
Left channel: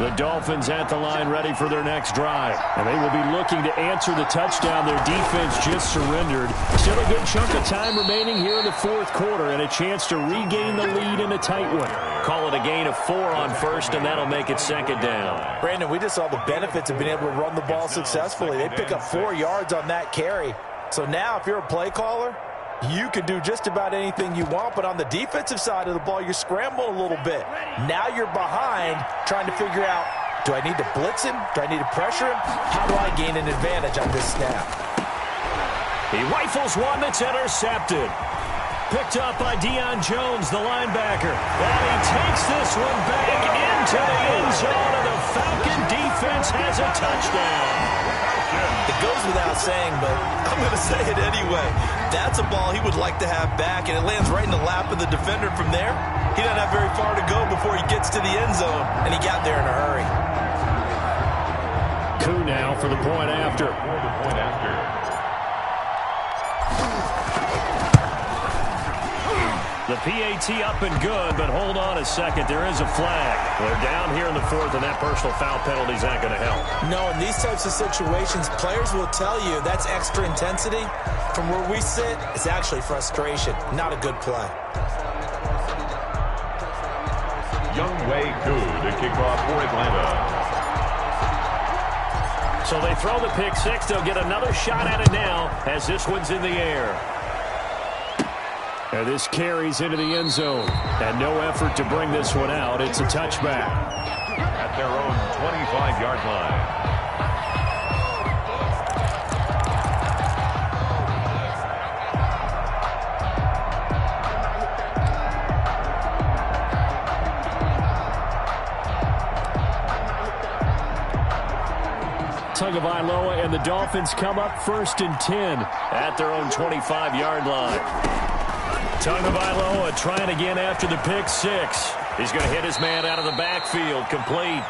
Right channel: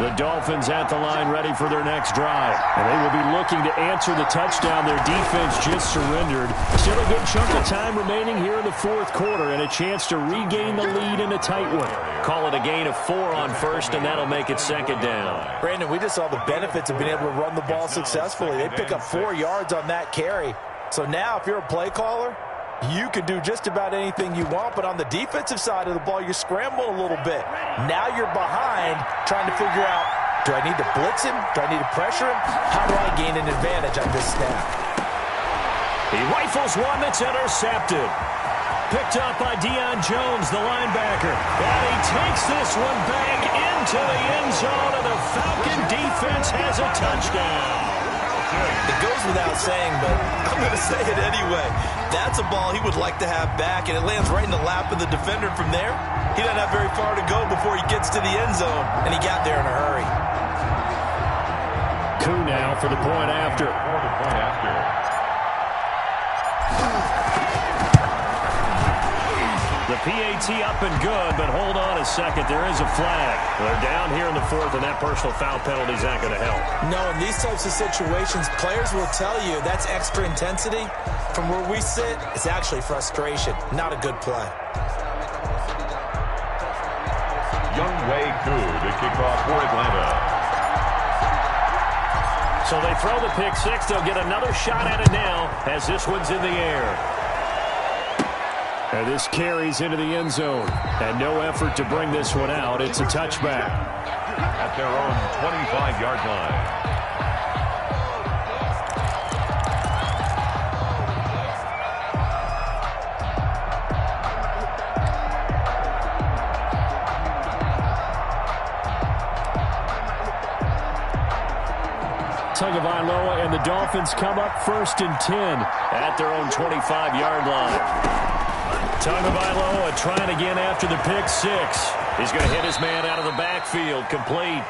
The Dolphins at the line ready for their next drive. And they will be looking to answer the touchdown. Their defense just surrendered. Still a good chunk of time remaining here in the 4th quarter and a chance to regain the lead in a tight one. Call it a gain of 4 on 1st, and that'll make it 2nd down. Brandon, we just saw the benefits of being able to run the ball successfully. They pick up 4 yards on that carry. So now if you're a play caller, you can do just about anything you want, but on the defensive side of the ball, you're scrambling a little bit. Now you're behind trying to figure out, do I need to blitz him? Do I need to pressure him? How do I gain an advantage on this snap? He rifles one that's intercepted. Picked up by Deion Jones, the linebacker. And he takes this one back into the end zone, and the Falcon defense has a touchdown. It goes without saying, but I'm going to say it anyway. That's a ball he would like to have back, and it lands right in the lap of the defender from there. He doesn't have very far to go before he gets to the end zone, and he got there in a hurry. Koo now for the point after. The PAT up and good, but hold on a second. There is a flag. They're down here in the 4th, and that personal foul penalty is not going to help. No, in these types of situations, players will tell you that's extra intensity. From where we sit, it's actually frustration. Not a good play. Younghoe Koo to kick off for Atlanta. So they throw the pick 6. They'll get another shot at it now as this one's in the air. And this carries into the end zone. And no effort to bring this one out. It's a touchback. at their own 25-yard line. Tagovailoa and the Dolphins come up 1st and 10 at their own 25-yard line. Tagovailoa trying again after the pick six. He's going to hit his man out of the backfield, complete.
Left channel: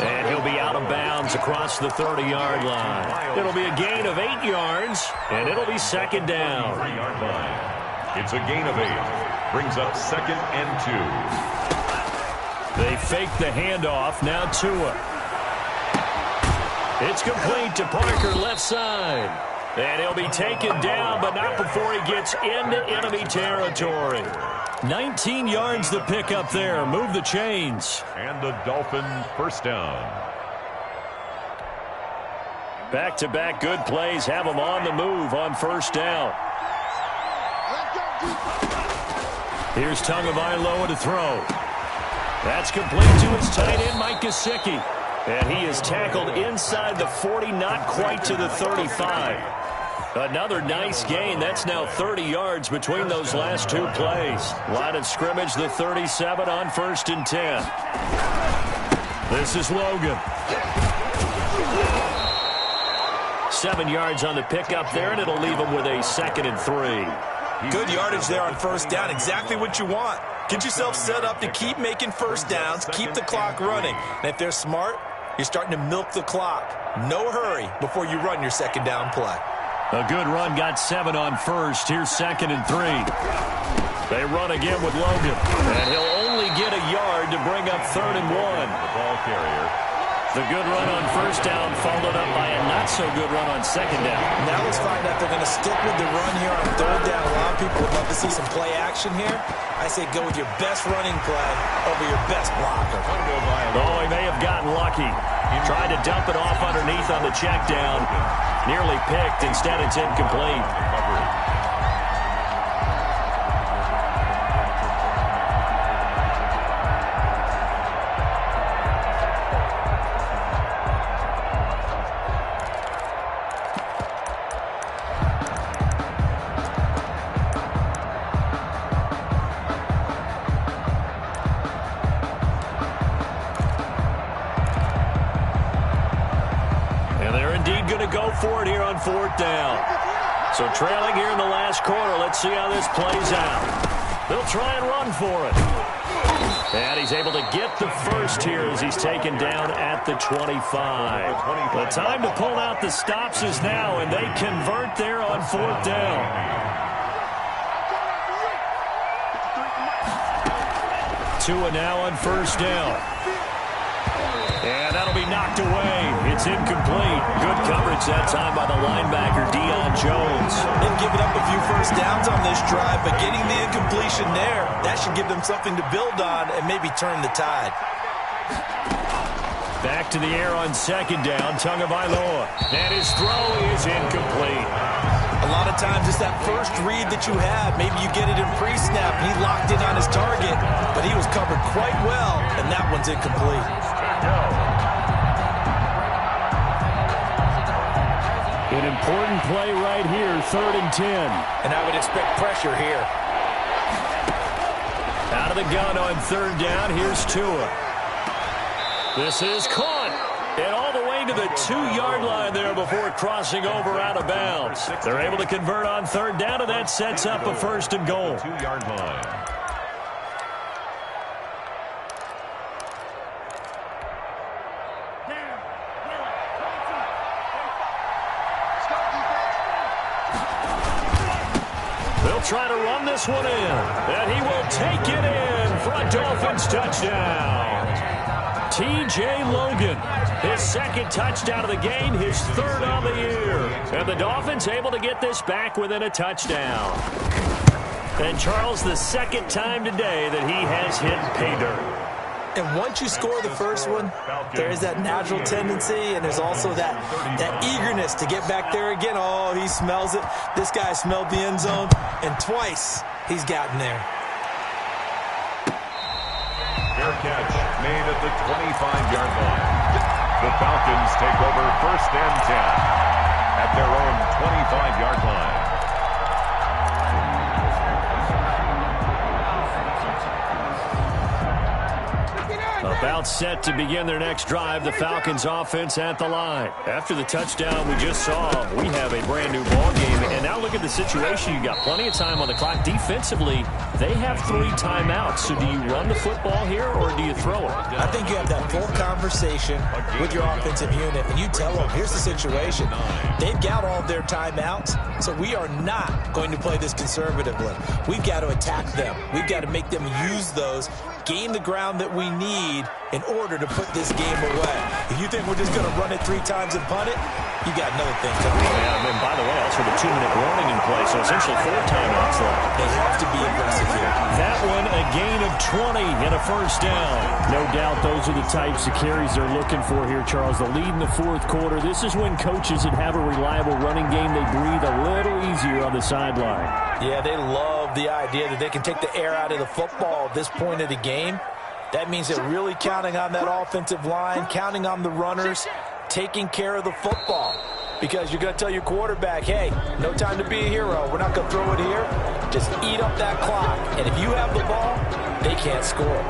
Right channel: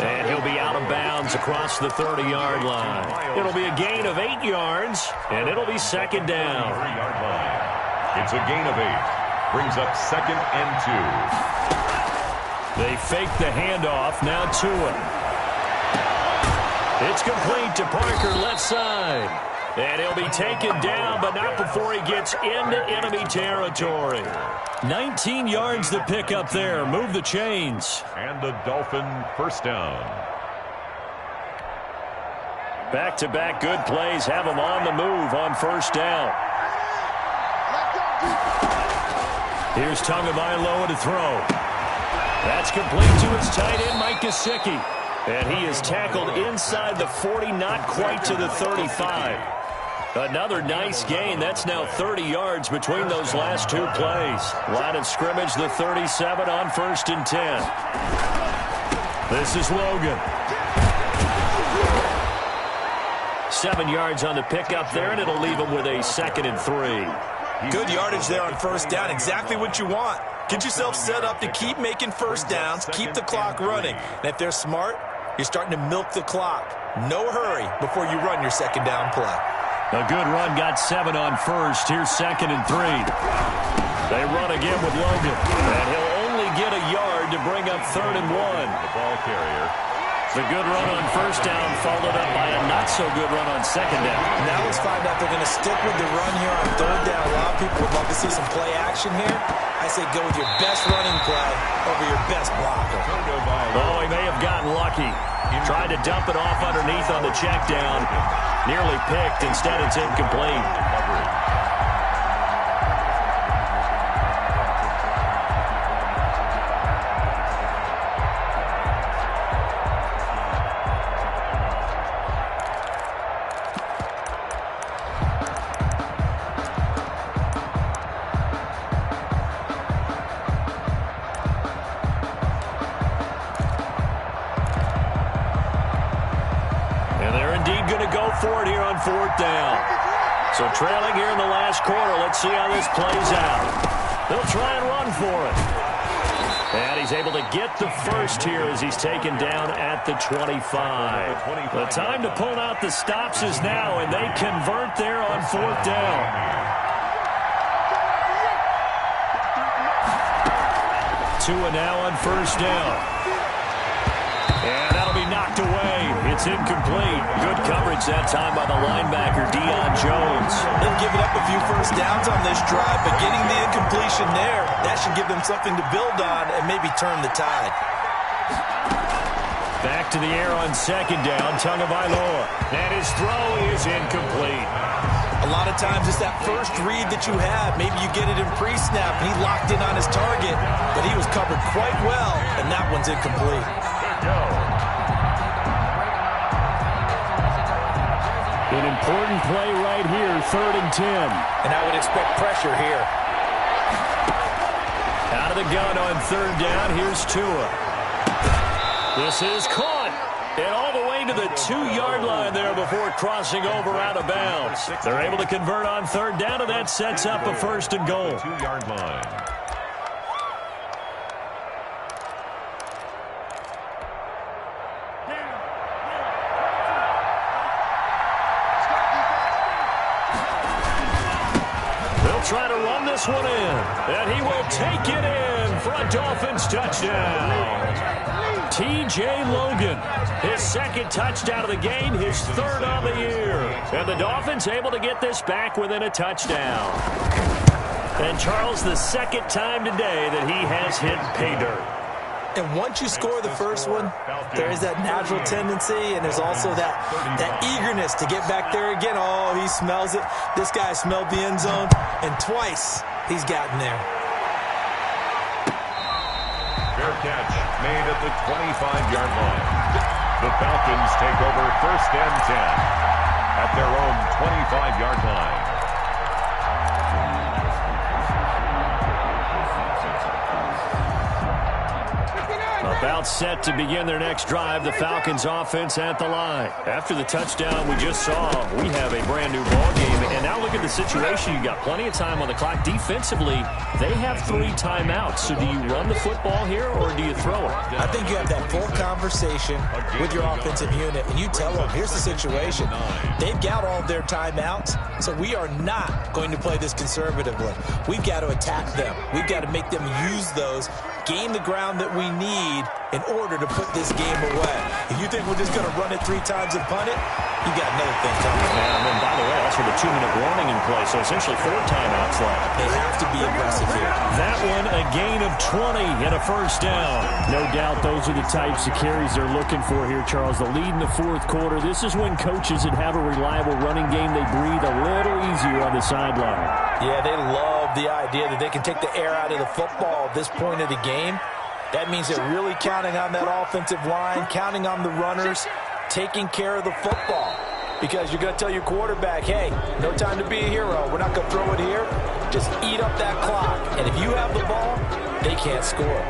And he'll be out of bounds across the 30-yard line. It'll be a gain of 8 yards, and it'll be 2nd down. It's a gain of 8. Brings up 2nd and 2. They fake the handoff. Now Tua. It's complete to Parker, left side. And he'll be taken down, but not before he gets into enemy territory. 19 yards to pick up there. Move the chains. And the Dolphin first down. Back-to-back good plays have them on the move on 1st down. Here's Tagovailoa to throw. That's complete to his tight end, Mike Gesicki. And he is tackled inside the 40, not quite to the 35. Another nice gain. That's now 30 yards between those last 2 plays. Line of scrimmage, the 37 on 1st and 10. This is Logan. 7 yards on the pickup there, and it'll leave him with a 2nd and 3. Good yardage there on 1st down. Exactly what you want. Get yourself set up to keep making 1st downs, keep the clock running. And if they're smart, you're starting to milk the clock. No hurry before you run your 2nd down play. A good run, got 7 on 1st. Here's 2nd and 3. They run again with Logan. And he'll only get a yard to bring up 3rd and 1. The ball carrier. The good run on 1st down followed up by a not-so-good run on 2nd down. Now let's find out if they're going to stick with the run here on 3rd down. A lot of people would love to see some play action here. I say go with your best running play over your best blocker. Oh, he may have gotten lucky. Tried to dump it off underneath on the check down. Nearly picked. Instead, it's incomplete. For it here on 4th down. So trailing here in the last quarter. Let's see how this plays out. They'll try and run for it. And he's able to get the first here as he's taken down at the 25. The time to pull out the stops is now, and they convert there on 4th down. Tua now on 1st down. And that'll be knocked away. It's incomplete. Good coverage that time by the linebacker, Deion Jones. They've given up a few 1st downs on this drive, but getting the incompletion there, that should give them something to build on and maybe turn the tide. Back to the air on 2nd down, Tagovailoa. And his throw is incomplete. A lot of times it's that first read that you have. Maybe you get it in pre-snap, and he locked in on his target, but he was covered quite well, and that one's incomplete. An important play right here, 3rd and 10. And I would expect pressure here. Out of the gun on 3rd down, here's Tua. This is caught. And all the way to the 2-yard line there before crossing over out of bounds. They're able to convert on 3rd down, and that sets up a 1st and goal. 2-yard line. They'll try to run this one in, and he will take it in for a Dolphins touchdown. T.J. Logan, his 2nd touchdown of the game, his 3rd on the year. And the Dolphins able to get this back within a touchdown. And Charles, the 2nd time today that he has hit pay dirt. And once you score the first one, there is that natural tendency, and there's also that eagerness to get back there again. Oh, he smells it. This guy smelled the end zone, and twice he's gotten there. Fair catch made at the 25-yard line. The Falcons take over 1st and 10 at their own 25-yard line. About set to begin their next drive, the Falcons offense at the line. After the touchdown we just saw, we have a brand new ball game. And now look at the situation. You got plenty of time on the clock. Defensively, they have 3 timeouts. So do you run the football here or do you throw it? I think you have that full conversation with your offensive unit, and you tell them, here's the situation. They've got all of their timeouts, so we are not going to play this conservatively. We've got to attack them. We've got to make them use those, gain the ground that we need in order to put this game away. If you think we're just going to run it 3 times and punt it, you got another thing coming. Yeah, and by the way, also the 2-minute warning in play, so essentially 4 timeouts left. They have to be aggressive here. That one, a gain of 20 and a 1st down. No doubt those are the types of carries they're looking for here, Charles. The lead in the 4th quarter. This is when coaches that have a reliable running game, they breathe a little easier on the sideline. Yeah, they love the idea that they can take the air out of the football at this point of the game. That means they're really counting on that offensive line, counting on the runners, taking care of the football. Because you're going to tell your quarterback, hey, no time to be a hero. We're not going to throw it here. Just eat up that clock. And if you have the ball, they can't score.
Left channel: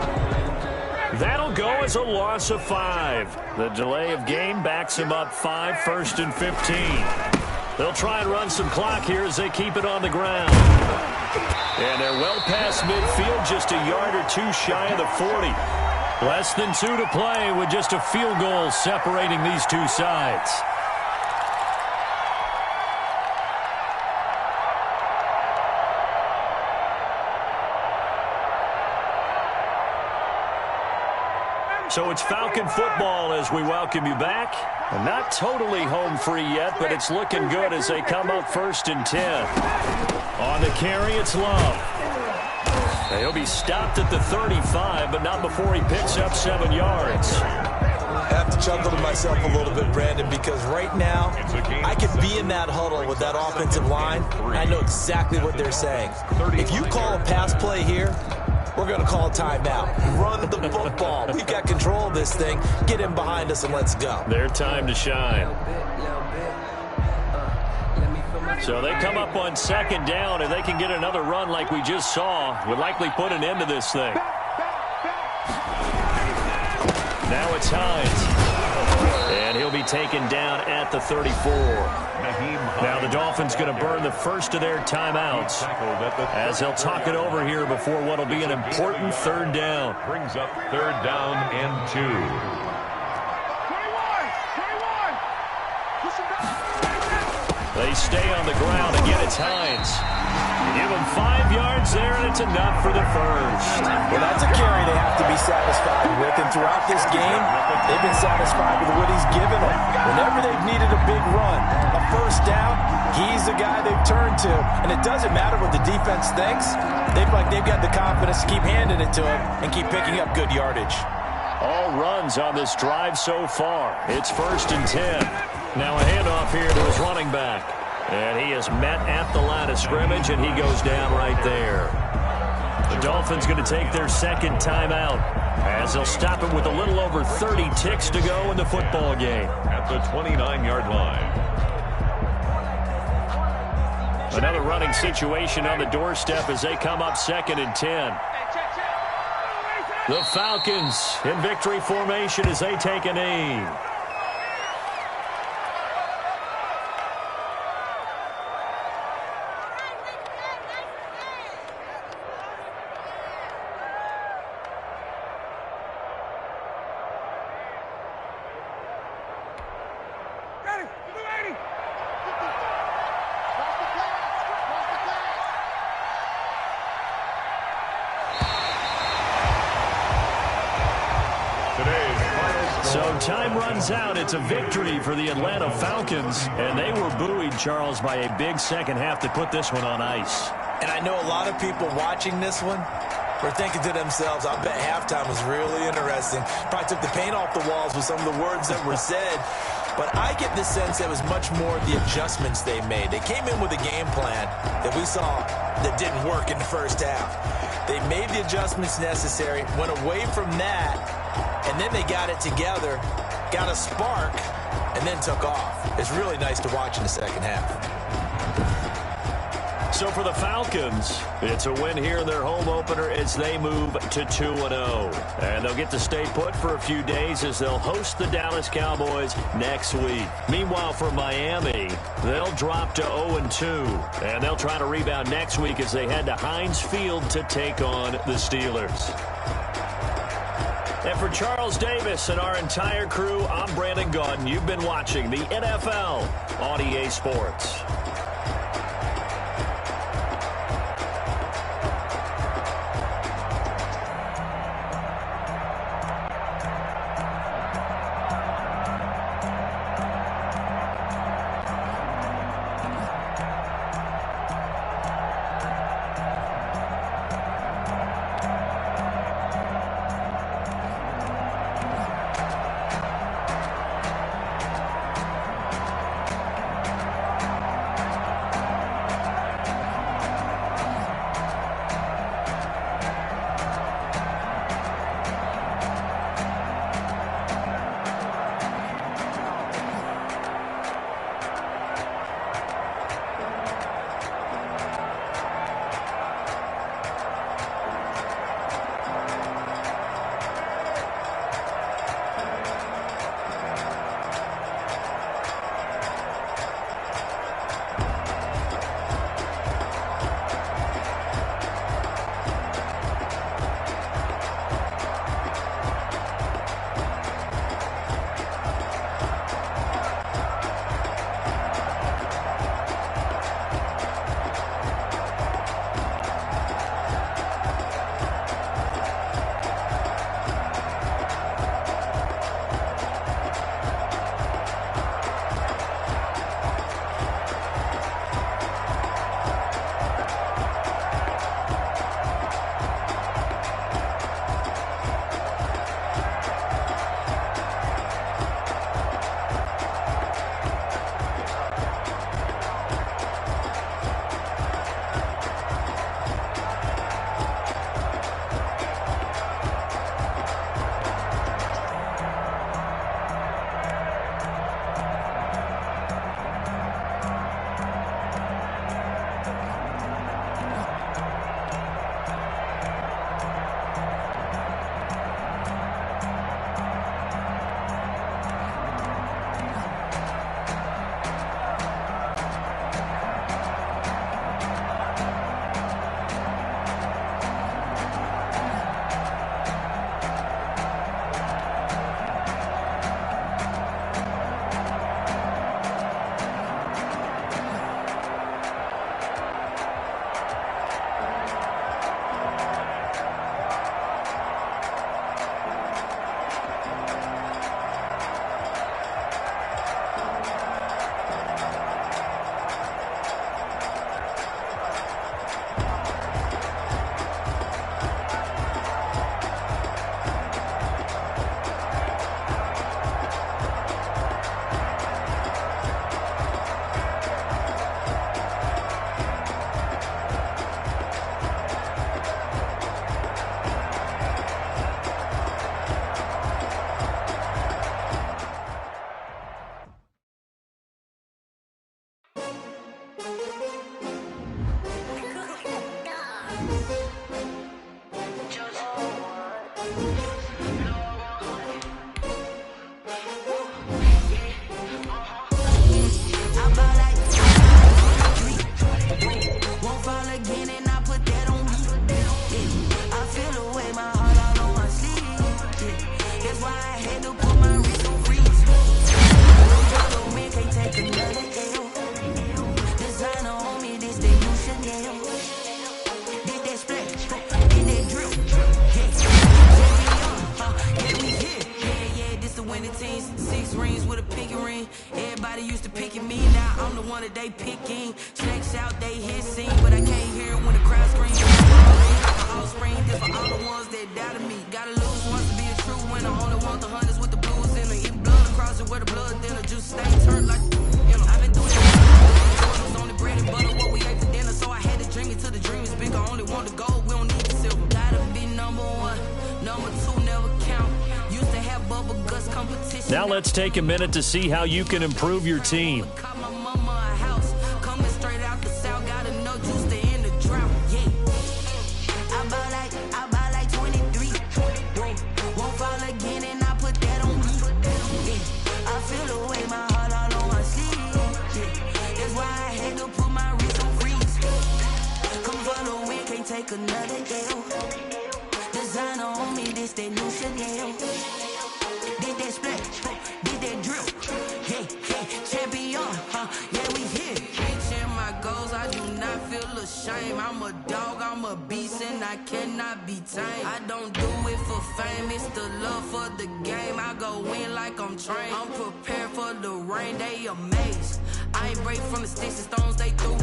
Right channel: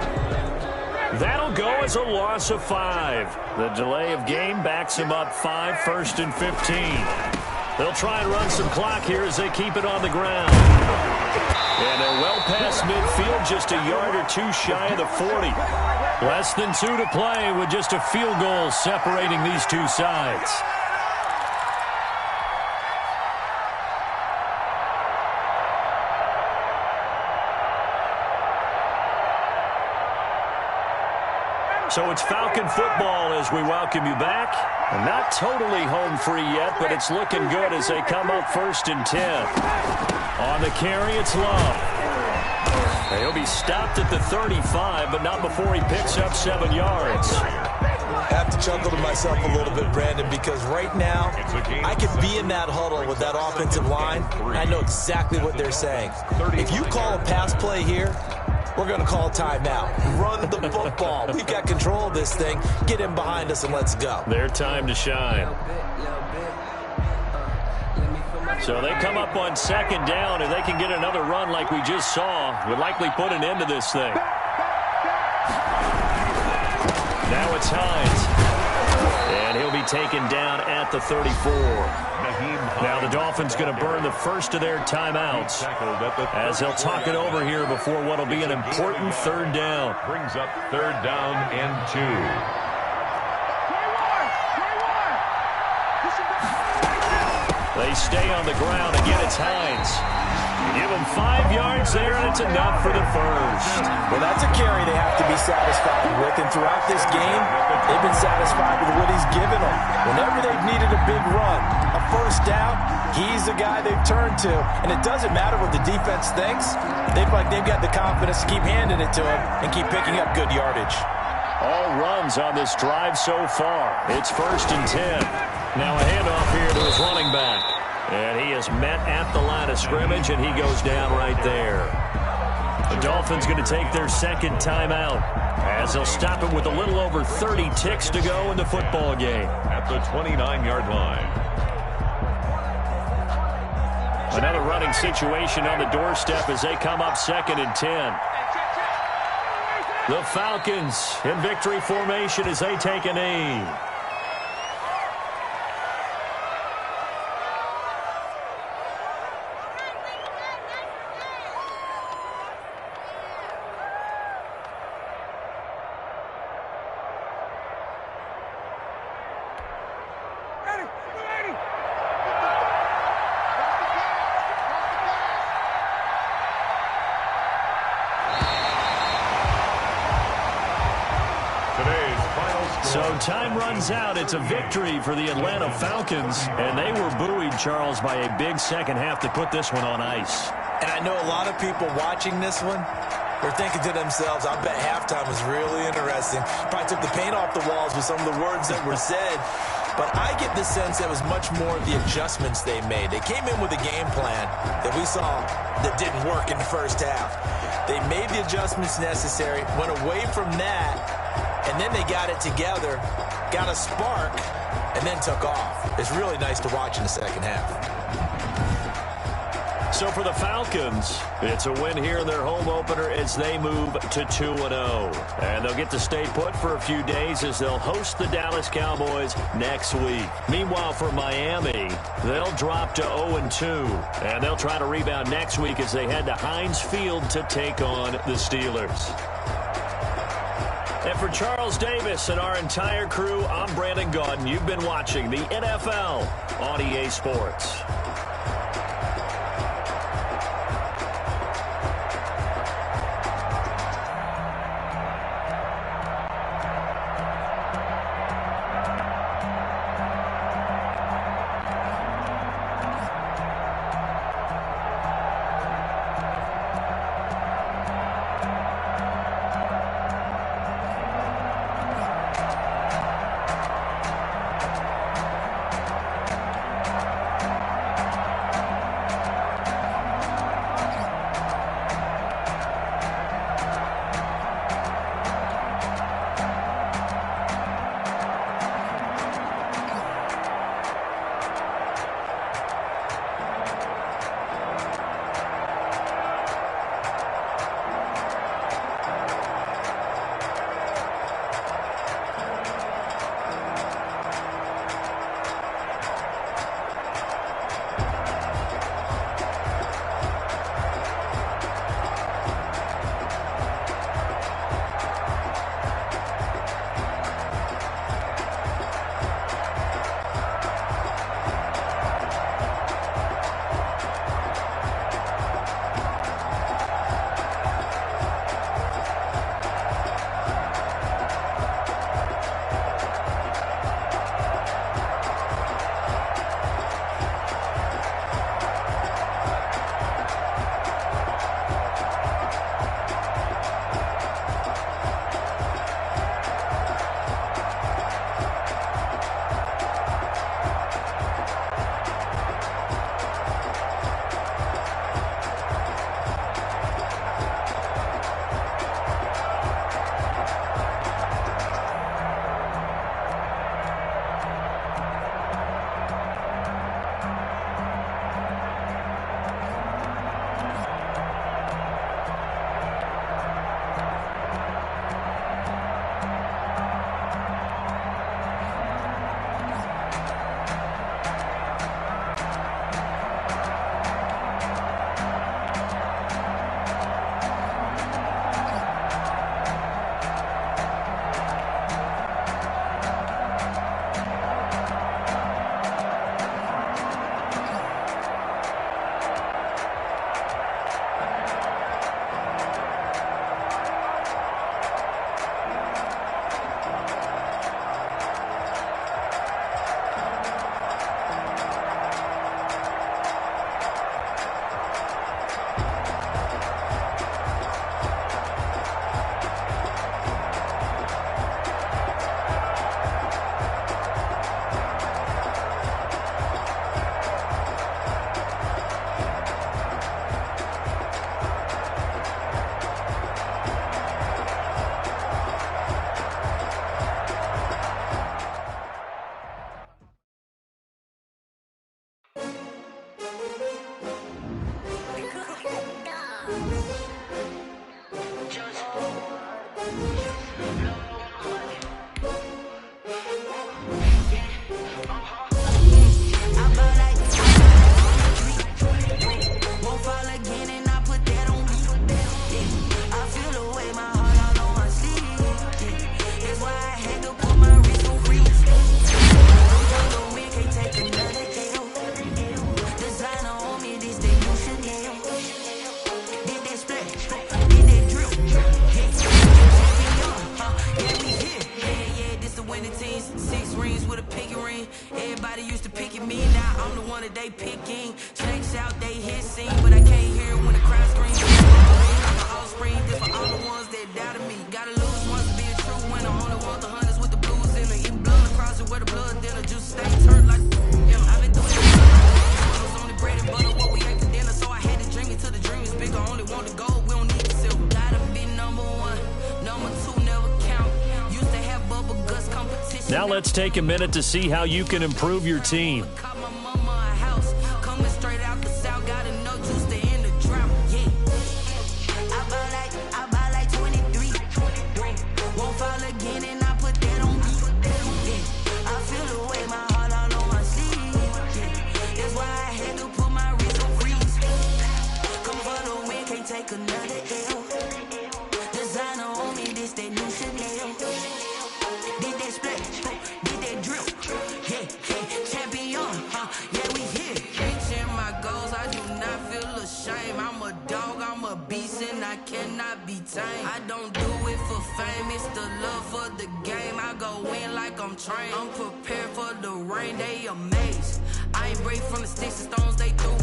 That'll go as a loss of 5. The delay of game backs him up 5, 1st and 15. They'll try and run some clock here as they keep it on the ground. And they're well past midfield, just a yard or 2 shy of the 40. Less than 2 to play with just a field goal separating these 2 sides. So it's Falcon football as we welcome you back. And not totally home free yet, but it's looking good as they come up 1st and 10. On the carry, it's Love. He'll be stopped at the 35, but not before he picks up 7 yards. I have to chuckle to myself a little bit, Brandon, because right now I could be in that huddle with that offensive line. I know exactly what they're saying. If you call a pass play here, we're going to call a timeout. Run the football. We've got control of this thing. Get in behind us and let's go. Their time to shine. So they come up on 2nd down. If they can get another run like we just saw, would likely put an end to this thing. Now it's Hines. And he'll be taken down at the 34. Now the Dolphins going to burn the first of their timeouts as they'll talk it over here before what will be an important 3rd down. Brings up 3rd down and 2. 21. They stay on the ground. Again, it's Hines. You give them 5 yards there, and it's enough for the 1st. Well, that's a carry they have to be satisfied with. And throughout this game, they've been satisfied with what he's given them. Whenever they've needed a big run, a 1st down, he's the guy they've turned to. And it doesn't matter what the defense thinks. They've got the confidence to keep handing it to him and keep picking up good yardage. All runs on this drive so far. It's 1st and 10. Now a handoff here to his running back. And he is met at the line of scrimmage, and he goes down right there. The Dolphins going to take their 2nd timeout as they'll stop him with a little over 30 ticks to go in the football game. At the 29-yard line. Another running situation on the doorstep as they come up 2nd and 10. The Falcons in victory formation as they take a knee. So time runs out. It's a victory for the Atlanta Falcons, and they were buoyed, Charles, by a big 2nd half to put this one on ice. And I know a lot of people watching this one were thinking to themselves, I bet halftime was really interesting. Probably took the paint off the walls with some of the words that were said. But I get the sense it was much more of the adjustments they made. They came in with a game plan that we saw that didn't work in the first half. They made the adjustments necessary, went away from that, and then they got it together, got a spark, and then took off. It's really nice to watch in the second half. So for the Falcons, it's a win here in their home opener as they move to 2-0. And they'll get to stay put for a few days as they'll host the Dallas Cowboys next week. Meanwhile, for Miami, they'll drop to 0-2. And they'll try to rebound next week as they head to Heinz Field to take on the Steelers. And for Charles Davis and our entire crew, I'm Brandon Gaudin. You've been watching the NFL on EA Sports. Everybody used to pick at me, now I'm the one that they picking. Snakes out, they hissing, but I can't hear it when the crowd screams. Like an offspring, this for all the ones that doubted me. Gotta lose once to be a true winner. Only want the hunters with the blues in them. Eating blood across pussy where the blood thinner, juice stains hurt like, you know, I've been through it. Only bread and butter, what we ate for dinner, so I had to dream it till the dream is bigger. Only want the gold, we don't need the silver. Gotta be number one, number two never count. Used to have bubble guts competition. Now let's take a minute to see how you can improve your team. Caught my mama a house, coming straight out the south, got enough juice to end the drought. Yeah, I buy like 23. Won't fall again, and I put that on me. Yeah, I feel the way, my heart all on my sleeve. Yeah, that's why I had to put my wrist on freeze. Come for the win, can't take another L. Designer on me, this that new Chanel. Did that split, did that drill. Yeah, champion, yeah, we here. Reaching my goals, I do not feel ashamed. I'm a dog, I'm a beast, and I cannot be tamed. I don't do it for fame, it's the love for the game. I go in like I'm trained. I'm prepared for the rain, they amazed. I ain't break from the sticks and stones they threw.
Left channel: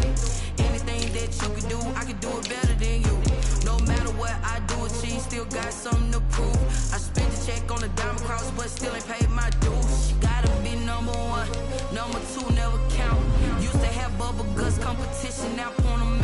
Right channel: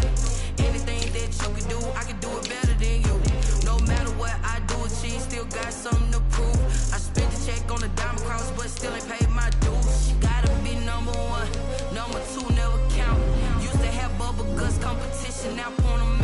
Anything that you can do, I can do it better than you. No matter what I do, achieve, still got something to prove. I spent the check on the diamond cross, but still ain't paid my dues. Gotta be number one, number two never count. Used to have bubble guts competition, now point 'em